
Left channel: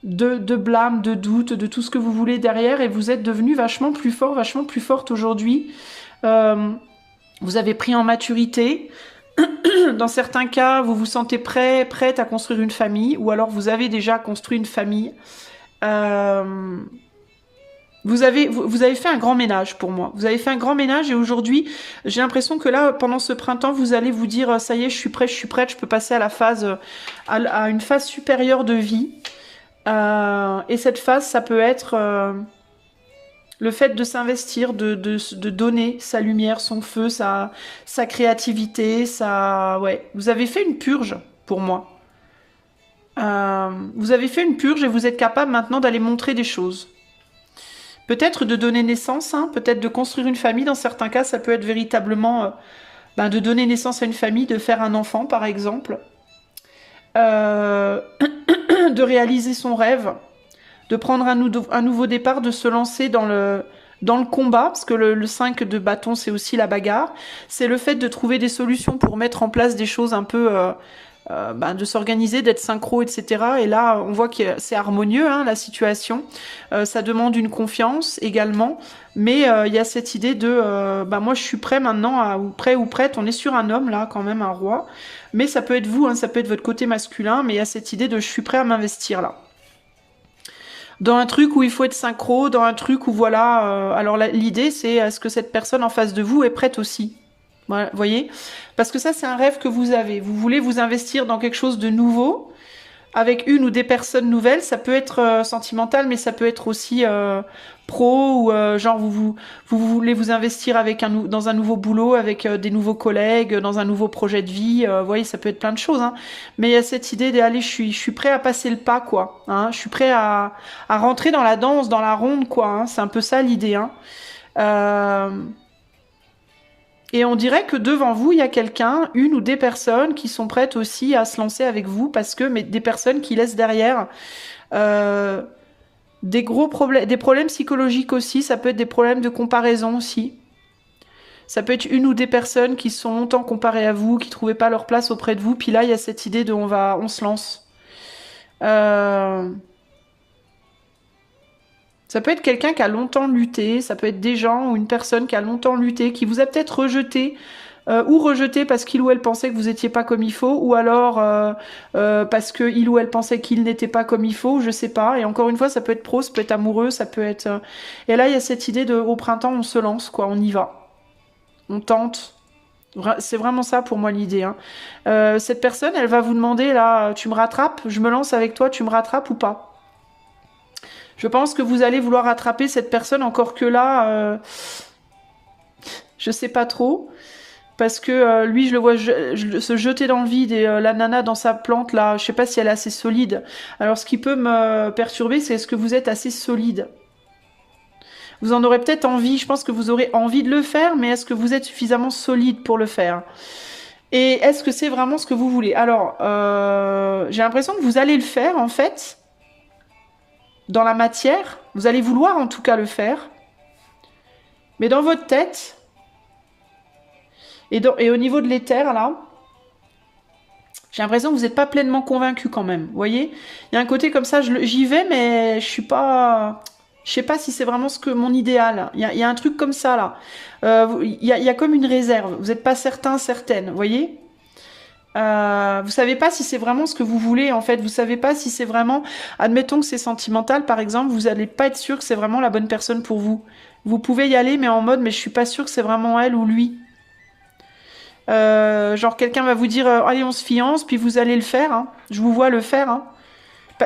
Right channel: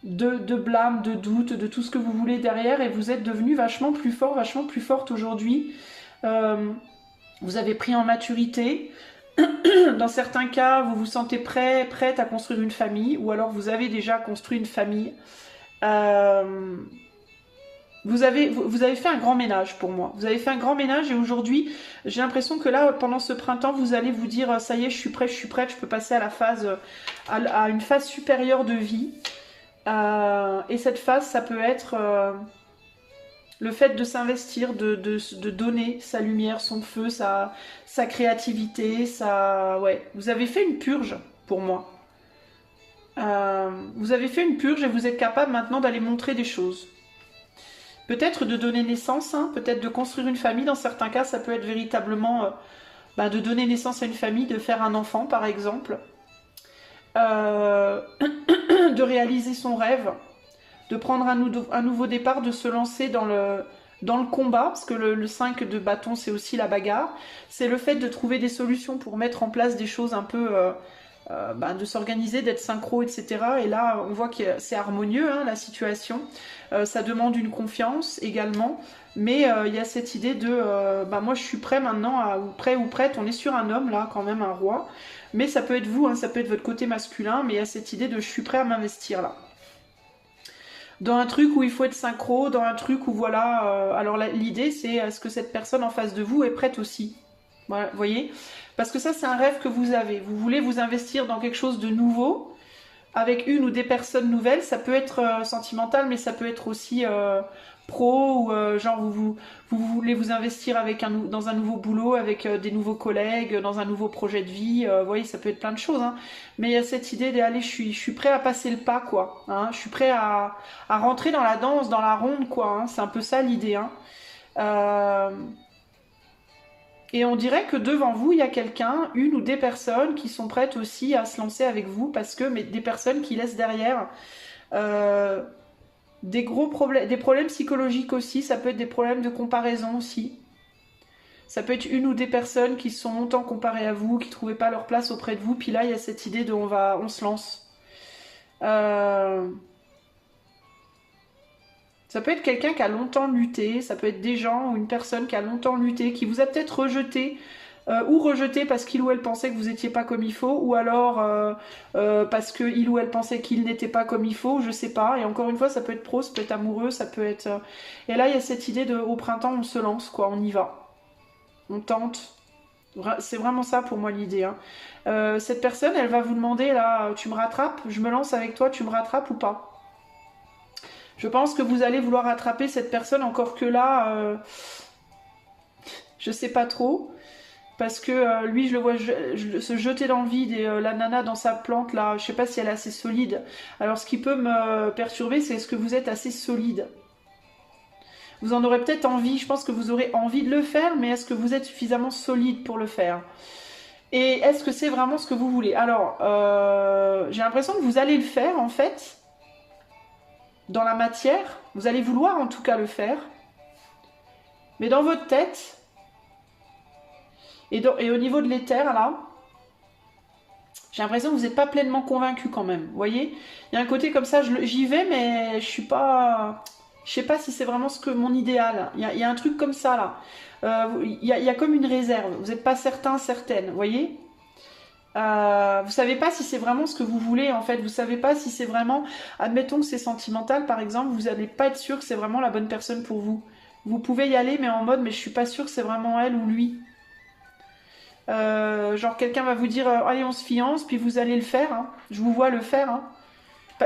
blâme, de doute, de tout ce que vous voulez derrière, et vous êtes devenu vachement plus fort, vachement plus forte aujourd'hui. Vous avez pris en maturité. Dans certains cas, vous vous sentez prête à construire une famille, ou alors vous avez déjà construit une famille. Vous avez fait un grand ménage pour moi. Vous avez fait un grand ménage et aujourd'hui, j'ai l'impression que là, pendant ce printemps, vous allez vous dire, ça y est, je suis prête, je peux passer à la phase, à une phase supérieure de vie. Et cette phase, ça peut être le fait de s'investir, de donner sa lumière, son feu, sa créativité, ouais. Vous avez fait une purge pour moi. Vous avez fait une purge et vous êtes capable maintenant d'aller montrer des choses. Peut-être de donner naissance, hein, peut-être de construire une famille. Dans certains cas, ça peut être véritablement de donner naissance à une famille, de faire un enfant, par exemple. De réaliser son rêve, de prendre un nouveau départ, de se lancer dans le combat, parce que le 5 de bâton, c'est aussi la bagarre. C'est le fait de trouver des solutions pour mettre en place des choses un peu... de s'organiser, d'être synchro, etc. Et là, on voit que c'est harmonieux, hein, la situation. Ça demande une confiance également. Mais il y a cette idée de... moi, je suis prêt maintenant, ou prêt ou prête. On est sur un homme, là, quand même, un roi. Mais ça peut être vous, hein, ça peut être votre côté masculin. Mais il y a cette idée de je suis prêt à m'investir, là. Dans un truc où il faut être synchro, dans un truc où, voilà... alors, l'idée, c'est est-ce que cette personne en face de vous est prête aussi? Voilà, vous voyez? Parce que ça, c'est un rêve que vous avez. Vous voulez vous investir dans quelque chose de nouveau, avec une ou des personnes nouvelles. Ça peut être sentimental, mais ça peut être aussi pro, ou genre vous voulez vous investir dans un nouveau boulot, avec des nouveaux collègues, dans un nouveau projet de vie. Vous voyez, ça peut être plein de choses. Hein. Mais il y a cette idée d'aller, je suis prêt à passer le pas, quoi. Hein. Je suis prêt à rentrer dans la danse, dans la ronde, quoi. Hein. C'est un peu ça l'idée. Hein. Et on dirait que devant vous, il y a quelqu'un, une ou des personnes qui sont prêtes aussi à se lancer avec vous, mais des personnes qui laissent derrière des gros problèmes, des problèmes psychologiques aussi, ça peut être des problèmes de comparaison aussi. Ça peut être une ou des personnes qui sont longtemps comparées à vous, qui ne trouvaient pas leur place auprès de vous, puis là, il y a cette idée de on se lance. Ça peut être quelqu'un qui a longtemps lutté, ça peut être des gens ou une personne qui a longtemps lutté, qui vous a peut-être rejeté, ou rejeté parce qu'il ou elle pensait que vous n'étiez pas comme il faut, ou alors parce qu'il ou elle pensait qu'il n'était pas comme il faut, je sais pas. Et encore une fois, ça peut être pro, ça peut être amoureux, ça peut être... Et là, il y a cette idée de, au printemps, on se lance, quoi, on y va. On tente. C'est vraiment ça pour moi l'idée. Hein. Cette personne, elle va vous demander, là, tu me rattrapes, je me lance avec toi, tu me rattrapes ou pas? Je pense que vous allez vouloir attraper cette personne, encore que là, je sais pas trop. Parce que lui, je le vois se jeter dans le vide et la nana dans sa plante, là, je sais pas si elle est assez solide. Alors ce qui peut me perturber, c'est est-ce que vous êtes assez solide? Vous en aurez peut-être envie, je pense que vous aurez envie de le faire, mais est-ce que vous êtes suffisamment solide pour le faire? Et est-ce que c'est vraiment ce que vous voulez? Alors, j'ai l'impression que vous allez le faire, en fait. Dans la matière, vous allez vouloir en tout cas le faire, mais dans votre tête, Et au niveau de l'éther, là, j'ai l'impression que vous n'êtes pas pleinement convaincu quand même. Vous voyez? Il y a un côté comme ça, j'y vais, mais je suis pas. Je sais pas si c'est vraiment ce que mon idéal. Il y a un truc comme ça là. Il y a comme une réserve. Vous n'êtes pas certain, certaine. Vous voyez? Vous savez pas si c'est vraiment ce que vous voulez en fait. Vous savez pas si c'est vraiment. Admettons que c'est sentimental par exemple. Vous n'allez pas être sûr que c'est vraiment la bonne personne pour vous. Vous pouvez y aller, mais en mode, mais je suis pas sûr que c'est vraiment elle ou lui. Genre quelqu'un va vous dire allez on se fiance, puis vous allez le faire, hein. Je vous vois le faire, hein.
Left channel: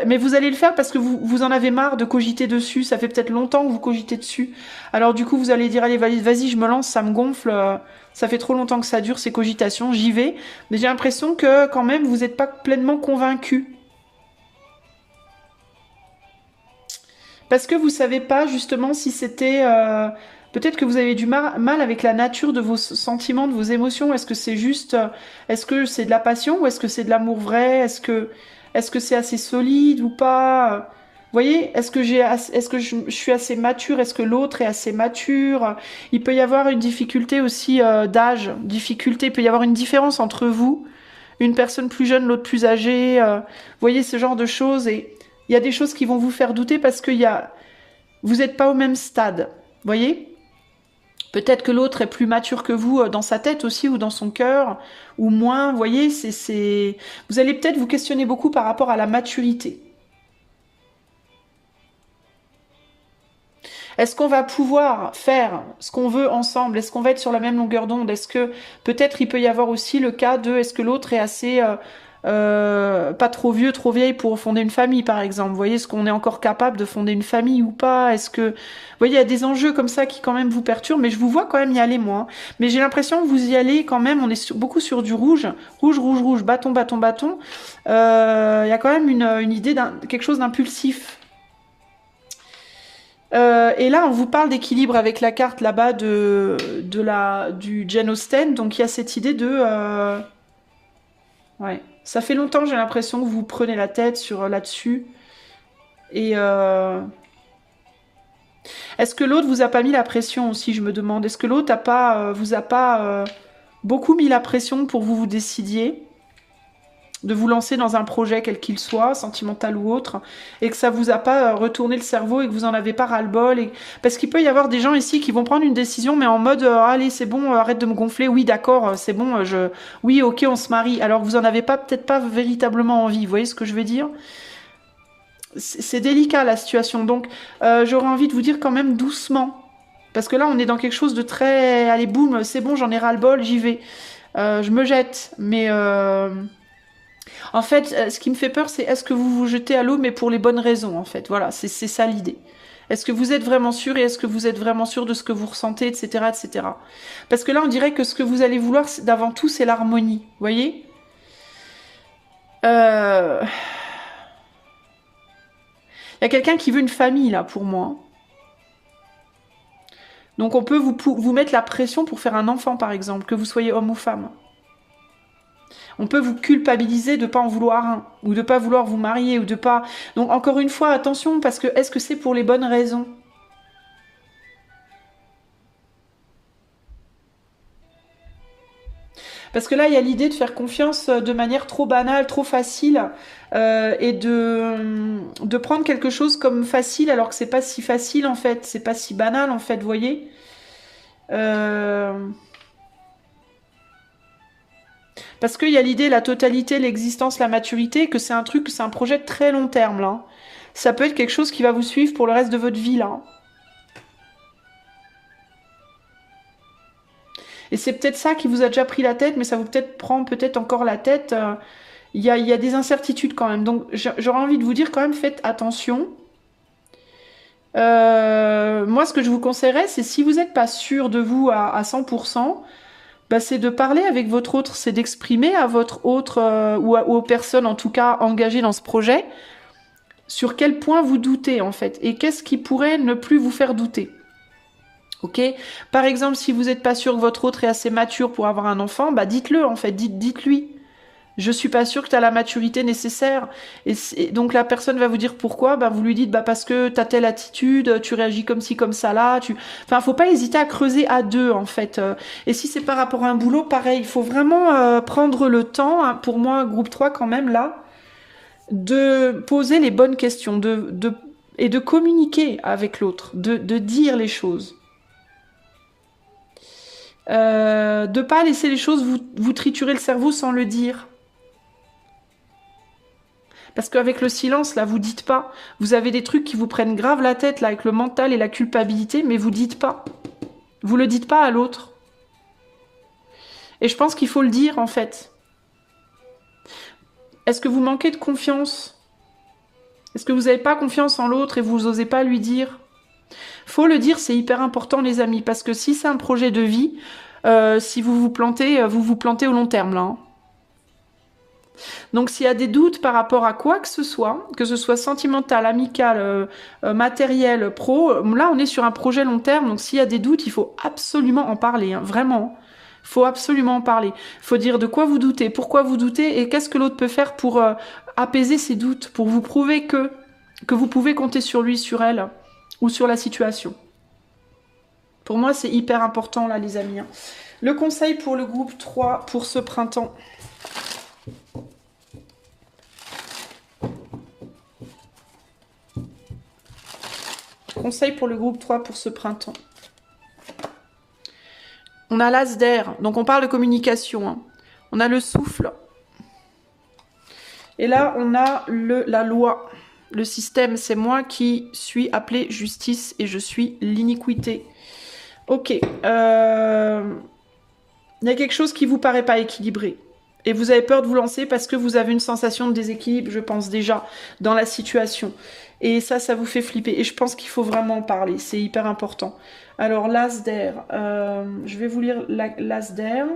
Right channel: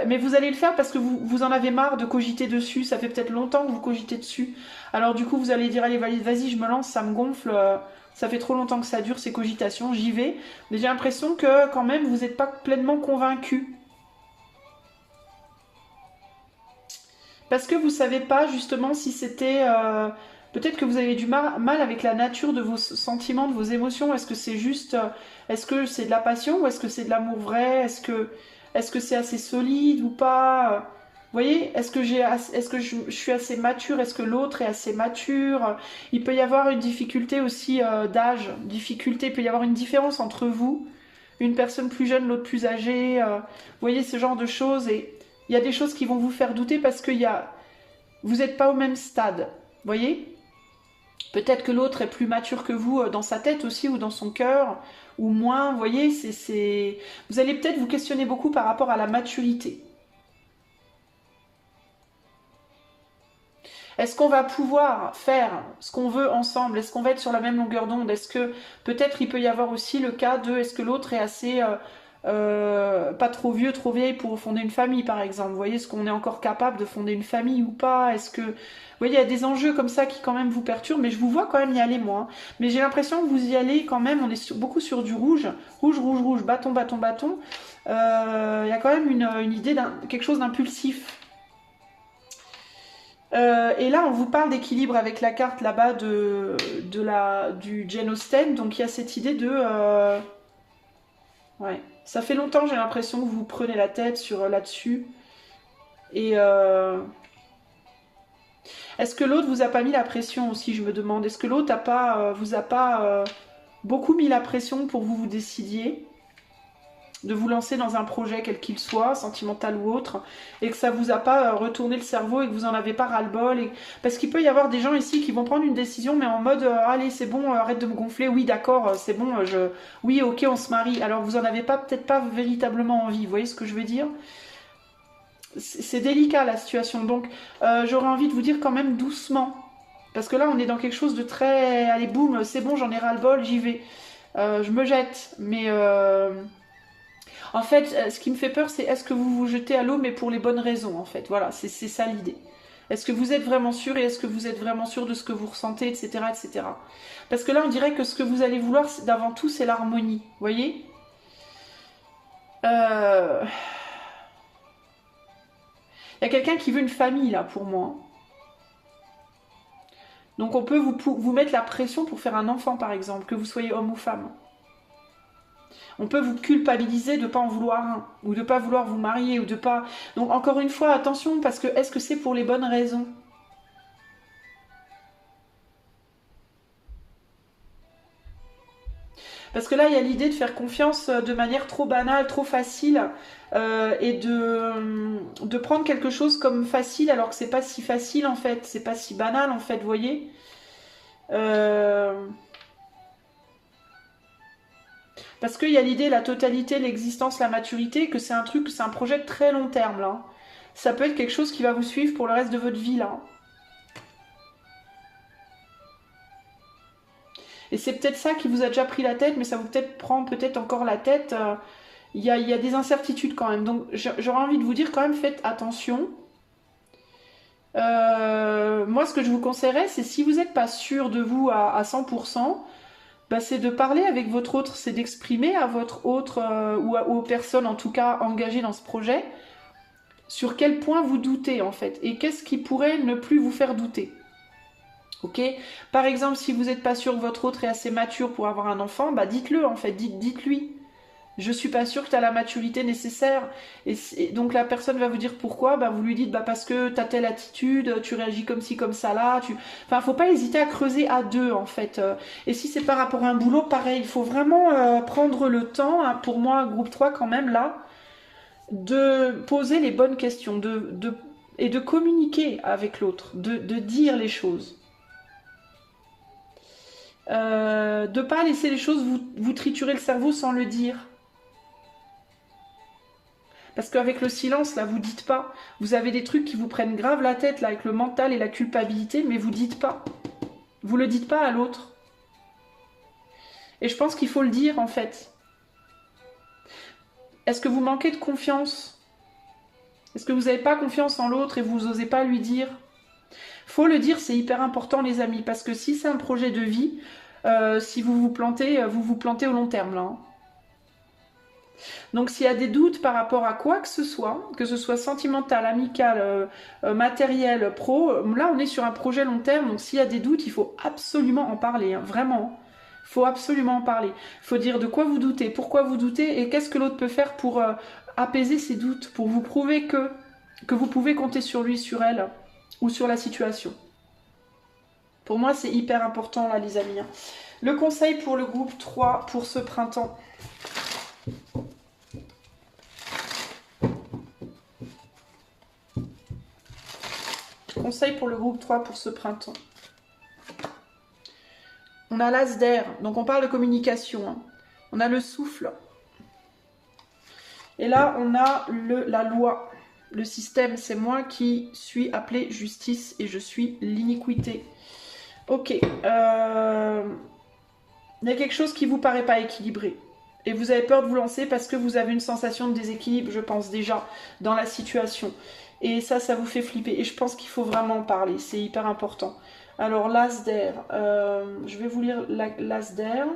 Mais vous allez le faire parce que vous en avez marre de cogiter dessus, ça fait peut-être longtemps que vous cogitez dessus. Alors du coup vous allez dire allez vas-y je me lance, ça me gonfle, ça fait trop longtemps que ça dure ces cogitations, j'y vais. Mais j'ai l'impression que quand même vous n'êtes pas pleinement convaincu. Parce que vous savez pas justement si c'était... peut-être que vous avez du mal avec la nature de vos sentiments, de vos émotions. Est-ce que c'est juste... est-ce que c'est de la passion ou est-ce que c'est de l'amour vrai? Est-ce que c'est assez solide ou pas? Vous voyez? Est-ce que je suis assez mature? Est-ce que l'autre est assez mature? Il peut y avoir une difficulté aussi d'âge. Difficulté, il peut y avoir une différence entre vous. Une personne plus jeune, l'autre plus âgée. Vous voyez ce genre de choses et... Il y a des choses qui vont vous faire douter parce que vous n'êtes pas au même stade. Vous voyez? Peut-être que l'autre est plus mature que vous dans sa tête aussi ou dans son cœur, ou moins. Vous voyez, vous allez peut-être vous questionner beaucoup par rapport à la maturité. Est-ce qu'on va pouvoir faire ce qu'on veut ensemble? Est-ce qu'on va être sur la même longueur d'onde? Est-ce que peut-être il peut y avoir aussi le cas de est-ce que l'autre est assez pas trop vieux, trop vieille pour fonder une famille, par exemple. Vous voyez, est-ce qu'on est encore capable de fonder une famille ou pas? Est-ce que... Vous voyez, il y a des enjeux comme ça qui quand même vous perturbent, mais je vous vois quand même y aller, moi. Mais j'ai l'impression que vous y allez quand même, on est beaucoup sur du rouge. Rouge, rouge, rouge, bâton, bâton, bâton. Il y a quand même une idée quelque chose d'impulsif. Et là, on vous parle d'équilibre avec la carte là-bas du Jane Austen. Donc, il y a cette idée de... ouais. Ça fait longtemps, j'ai l'impression que vous prenez la tête là-dessus. Et est-ce que l'autre vous a pas mis la pression aussi, je me demande. Est-ce que l'autre vous a pas beaucoup mis la pression pour que vous décidiez de vous lancer dans un projet quel qu'il soit, sentimental ou autre, et que ça vous a pas retourné le cerveau et que vous en avez pas ras-le-bol. Parce qu'il peut y avoir des gens ici qui vont prendre une décision, mais en mode allez, c'est bon, arrête de me gonfler, oui, d'accord, c'est bon, oui, ok, on se marie. Alors vous en avez peut-être pas véritablement envie, vous voyez ce que je veux dire? C'est délicat la situation, donc j'aurais envie de vous dire quand même doucement. Parce que là, on est dans quelque chose de très... Allez, boum, c'est bon, j'en ai ras-le-bol, j'y vais. Je me jette, mais... En fait, ce qui me fait peur, c'est est-ce que vous vous jetez à l'eau, mais pour les bonnes raisons, en fait. Voilà, c'est ça l'idée. Est-ce que vous êtes vraiment sûr et est-ce que vous êtes vraiment sûr de ce que vous ressentez, etc., etc. Parce que là, on dirait que ce que vous allez vouloir, d'avant tout, c'est l'harmonie. Vous voyez? Il y a quelqu'un qui veut une famille, là, pour moi. Donc, on peut vous mettre la pression pour faire un enfant, par exemple, que vous soyez homme ou femme. On peut vous culpabiliser de ne pas en vouloir un, ou de ne pas vouloir vous marier, ou de pas... Donc encore une fois, attention, parce que est-ce que c'est pour les bonnes raisons? Parce que là, il y a l'idée de faire confiance de manière trop banale, trop facile, et de prendre quelque chose comme facile, alors que c'est pas si facile en fait, c'est pas si banal en fait, vous voyez? Parce qu'il y a l'idée, la totalité, l'existence, la maturité, que c'est un truc, c'est un projet de très long terme, là. Ça peut être quelque chose qui va vous suivre pour le reste de votre vie, là. Et c'est peut-être ça qui vous a déjà pris la tête, mais ça vous prend peut-être encore la tête. Il y a des incertitudes quand même. Donc j'aurais envie de vous dire quand même, faites attention. Moi, ce que je vous conseillerais, c'est si vous n'êtes pas sûr de vous à 100%, bah, c'est de parler avec votre autre, c'est d'exprimer à votre autre ou aux personnes en tout cas engagées dans ce projet sur quel point vous doutez en fait et qu'est-ce qui pourrait ne plus vous faire douter. Ok? Par exemple, si vous n'êtes pas sûr que votre autre est assez mature pour avoir un enfant, bah dites-le en fait, dites-lui. Je suis pas sûre que tu as la maturité nécessaire. Et donc la personne va vous dire pourquoi. Bah, vous lui dites bah, parce que tu as telle attitude, tu réagis comme ci, comme ça là. Enfin, faut pas hésiter à creuser à deux en fait. Et si c'est par rapport à un boulot, pareil, il faut vraiment prendre le temps, hein, pour moi, groupe 3 quand même là, de poser les bonnes questions, et de communiquer avec l'autre, de dire les choses. De pas laisser les choses vous triturer le cerveau sans le dire. Parce qu'avec le silence, là, vous dites pas. Vous avez des trucs qui vous prennent grave la tête, là, avec le mental et la culpabilité, mais vous dites pas. Vous le dites pas à l'autre. Et je pense qu'il faut le dire, en fait. Est-ce que vous manquez de confiance? Est-ce que vous n'avez pas confiance en l'autre et vous n'osez pas lui dire? Faut le dire, c'est hyper important, les amis, parce que si c'est un projet de vie, si vous vous plantez au long terme, là. Hein. Donc s'il y a des doutes par rapport à quoi que ce soit sentimental, amical, matériel, pro, là on est sur un projet long terme, donc s'il y a des doutes, il faut absolument en parler, hein, vraiment. Il faut absolument en parler. Il faut dire de quoi vous doutez, pourquoi vous doutez, et qu'est-ce que l'autre peut faire pour apaiser ses doutes, pour vous prouver que vous pouvez compter sur lui, sur elle, ou sur la situation. Pour moi, c'est hyper important, là, les amis. Hein. Le conseil pour le groupe 3 pour ce printemps. Conseil pour le groupe 3 pour ce printemps. On a l'as d'air, donc on parle de communication. Hein. On a le souffle. Et là, on a la loi. Le système, c'est moi qui suis appelé justice et je suis l'iniquité. Ok. Il y a quelque chose qui vous paraît pas équilibré. Et vous avez peur de vous lancer parce que vous avez une sensation de déséquilibre, je pense déjà, dans la situation. Et ça vous fait flipper. Et je pense qu'il faut vraiment en parler. C'est hyper important. Alors, l'as d'air. Je vais vous lire l'as d'air.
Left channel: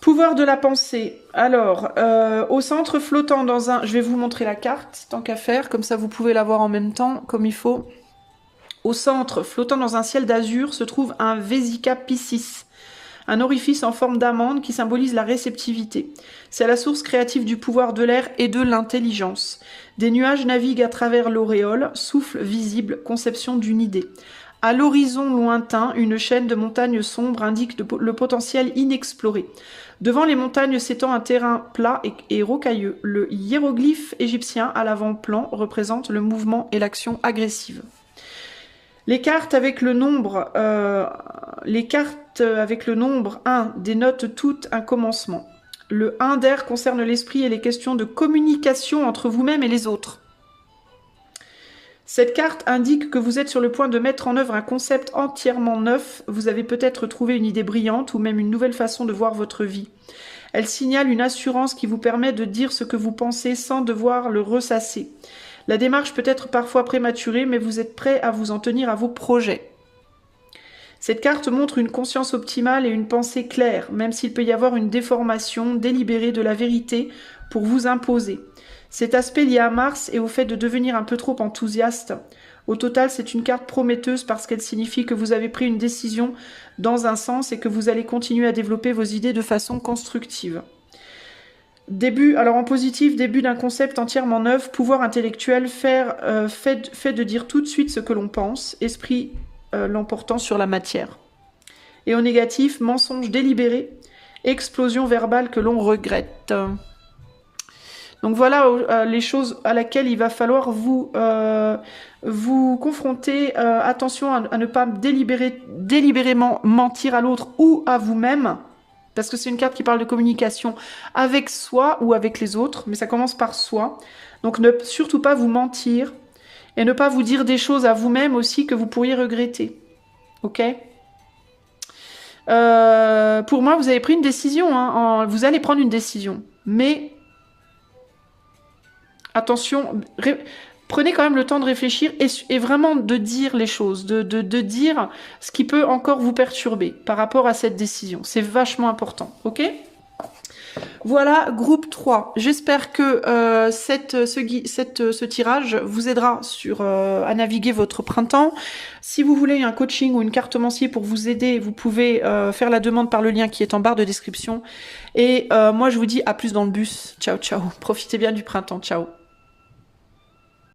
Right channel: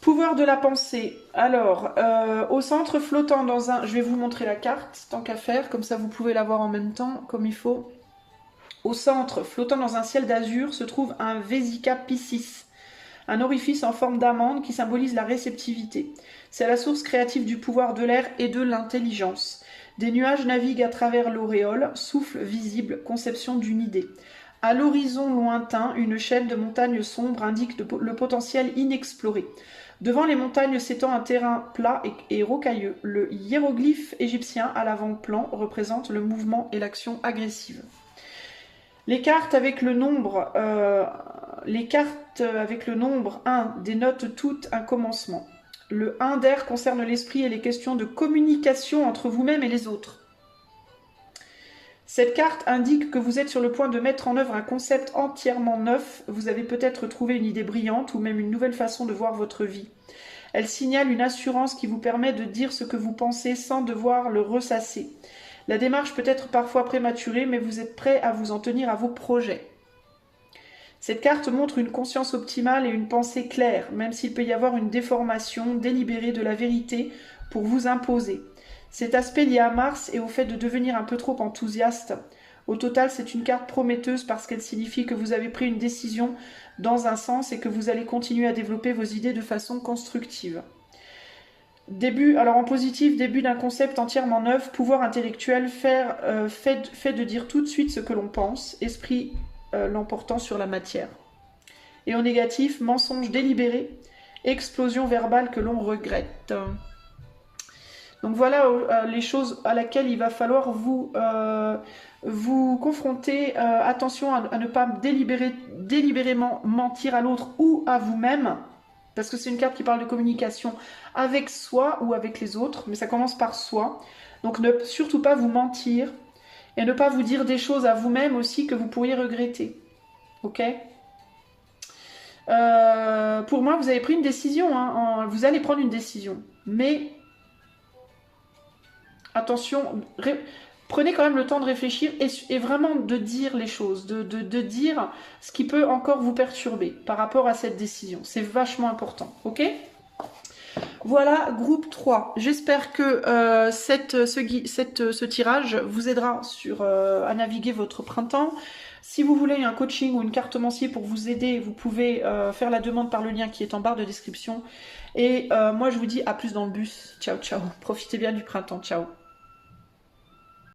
Pouvoir de la pensée. Alors, au centre flottant dans un... Je vais vous montrer la carte, tant qu'à faire. Comme ça, vous pouvez la voir en même temps, comme il faut. Au centre, flottant dans un ciel d'azur, se trouve un Vesica Piscis. Un orifice en forme d'amande qui symbolise la réceptivité. C'est la source créative du pouvoir de l'air et de l'intelligence. Des nuages naviguent à travers l'auréole, souffle visible, conception d'une idée. À l'horizon lointain, une chaîne de montagnes sombres indique le potentiel inexploré. Devant les montagnes s'étend un terrain plat et rocailleux. Le hiéroglyphe égyptien à l'avant-plan représente le mouvement et l'action agressive. Les cartes avec le nombre 1 dénotent tout un commencement. Le 1 d'air concerne l'esprit et les questions de communication entre vous-même et les autres. Cette carte indique que vous êtes sur le point de mettre en œuvre un concept entièrement neuf. Vous avez peut-être trouvé une idée brillante ou même une nouvelle façon de voir votre vie. Elle signale une assurance qui vous permet de dire ce que vous pensez sans devoir le ressasser. La démarche peut être parfois prématurée, mais vous êtes prêt à vous en tenir à vos projets. Cette carte montre une conscience optimale et une pensée claire, même s'il peut y avoir une déformation délibérée de la vérité pour vous imposer. Cet aspect lié à Mars et au fait de devenir un peu trop enthousiaste. Au total, c'est une carte prometteuse parce qu'elle signifie que vous avez pris une décision dans un sens et que vous allez continuer à développer vos idées de façon constructive. Alors en positif, début d'un concept entièrement neuf, pouvoir intellectuel, fait de dire tout de suite ce que l'on pense, esprit l'emportant sur la matière. Et au négatif, mensonge délibéré, explosion verbale que l'on regrette. Donc voilà les choses à laquelle il va falloir vous confronter. Attention à ne pas délibérément mentir à l'autre ou à vous-même. Parce que c'est une carte qui parle de communication avec soi ou avec les autres, mais ça commence par soi. Donc ne surtout pas vous mentir et ne pas vous dire des choses à vous-même aussi que vous pourriez regretter. Ok ? Pour moi, vous avez pris une décision. Hein, vous allez prendre une décision. Mais attention, prenez quand même le temps de réfléchir et vraiment de dire les choses, de dire ce qui peut encore vous perturber par rapport à cette décision. C'est vachement important, ok ? Voilà, groupe 3. J'espère que ce tirage vous aidera à naviguer votre printemps. Si vous voulez un coaching ou une cartomancier pour vous aider, vous pouvez faire la demande par le lien qui est en barre de description. Et moi, je vous dis à plus dans le bus. Ciao, ciao. Profitez bien du printemps. Ciao.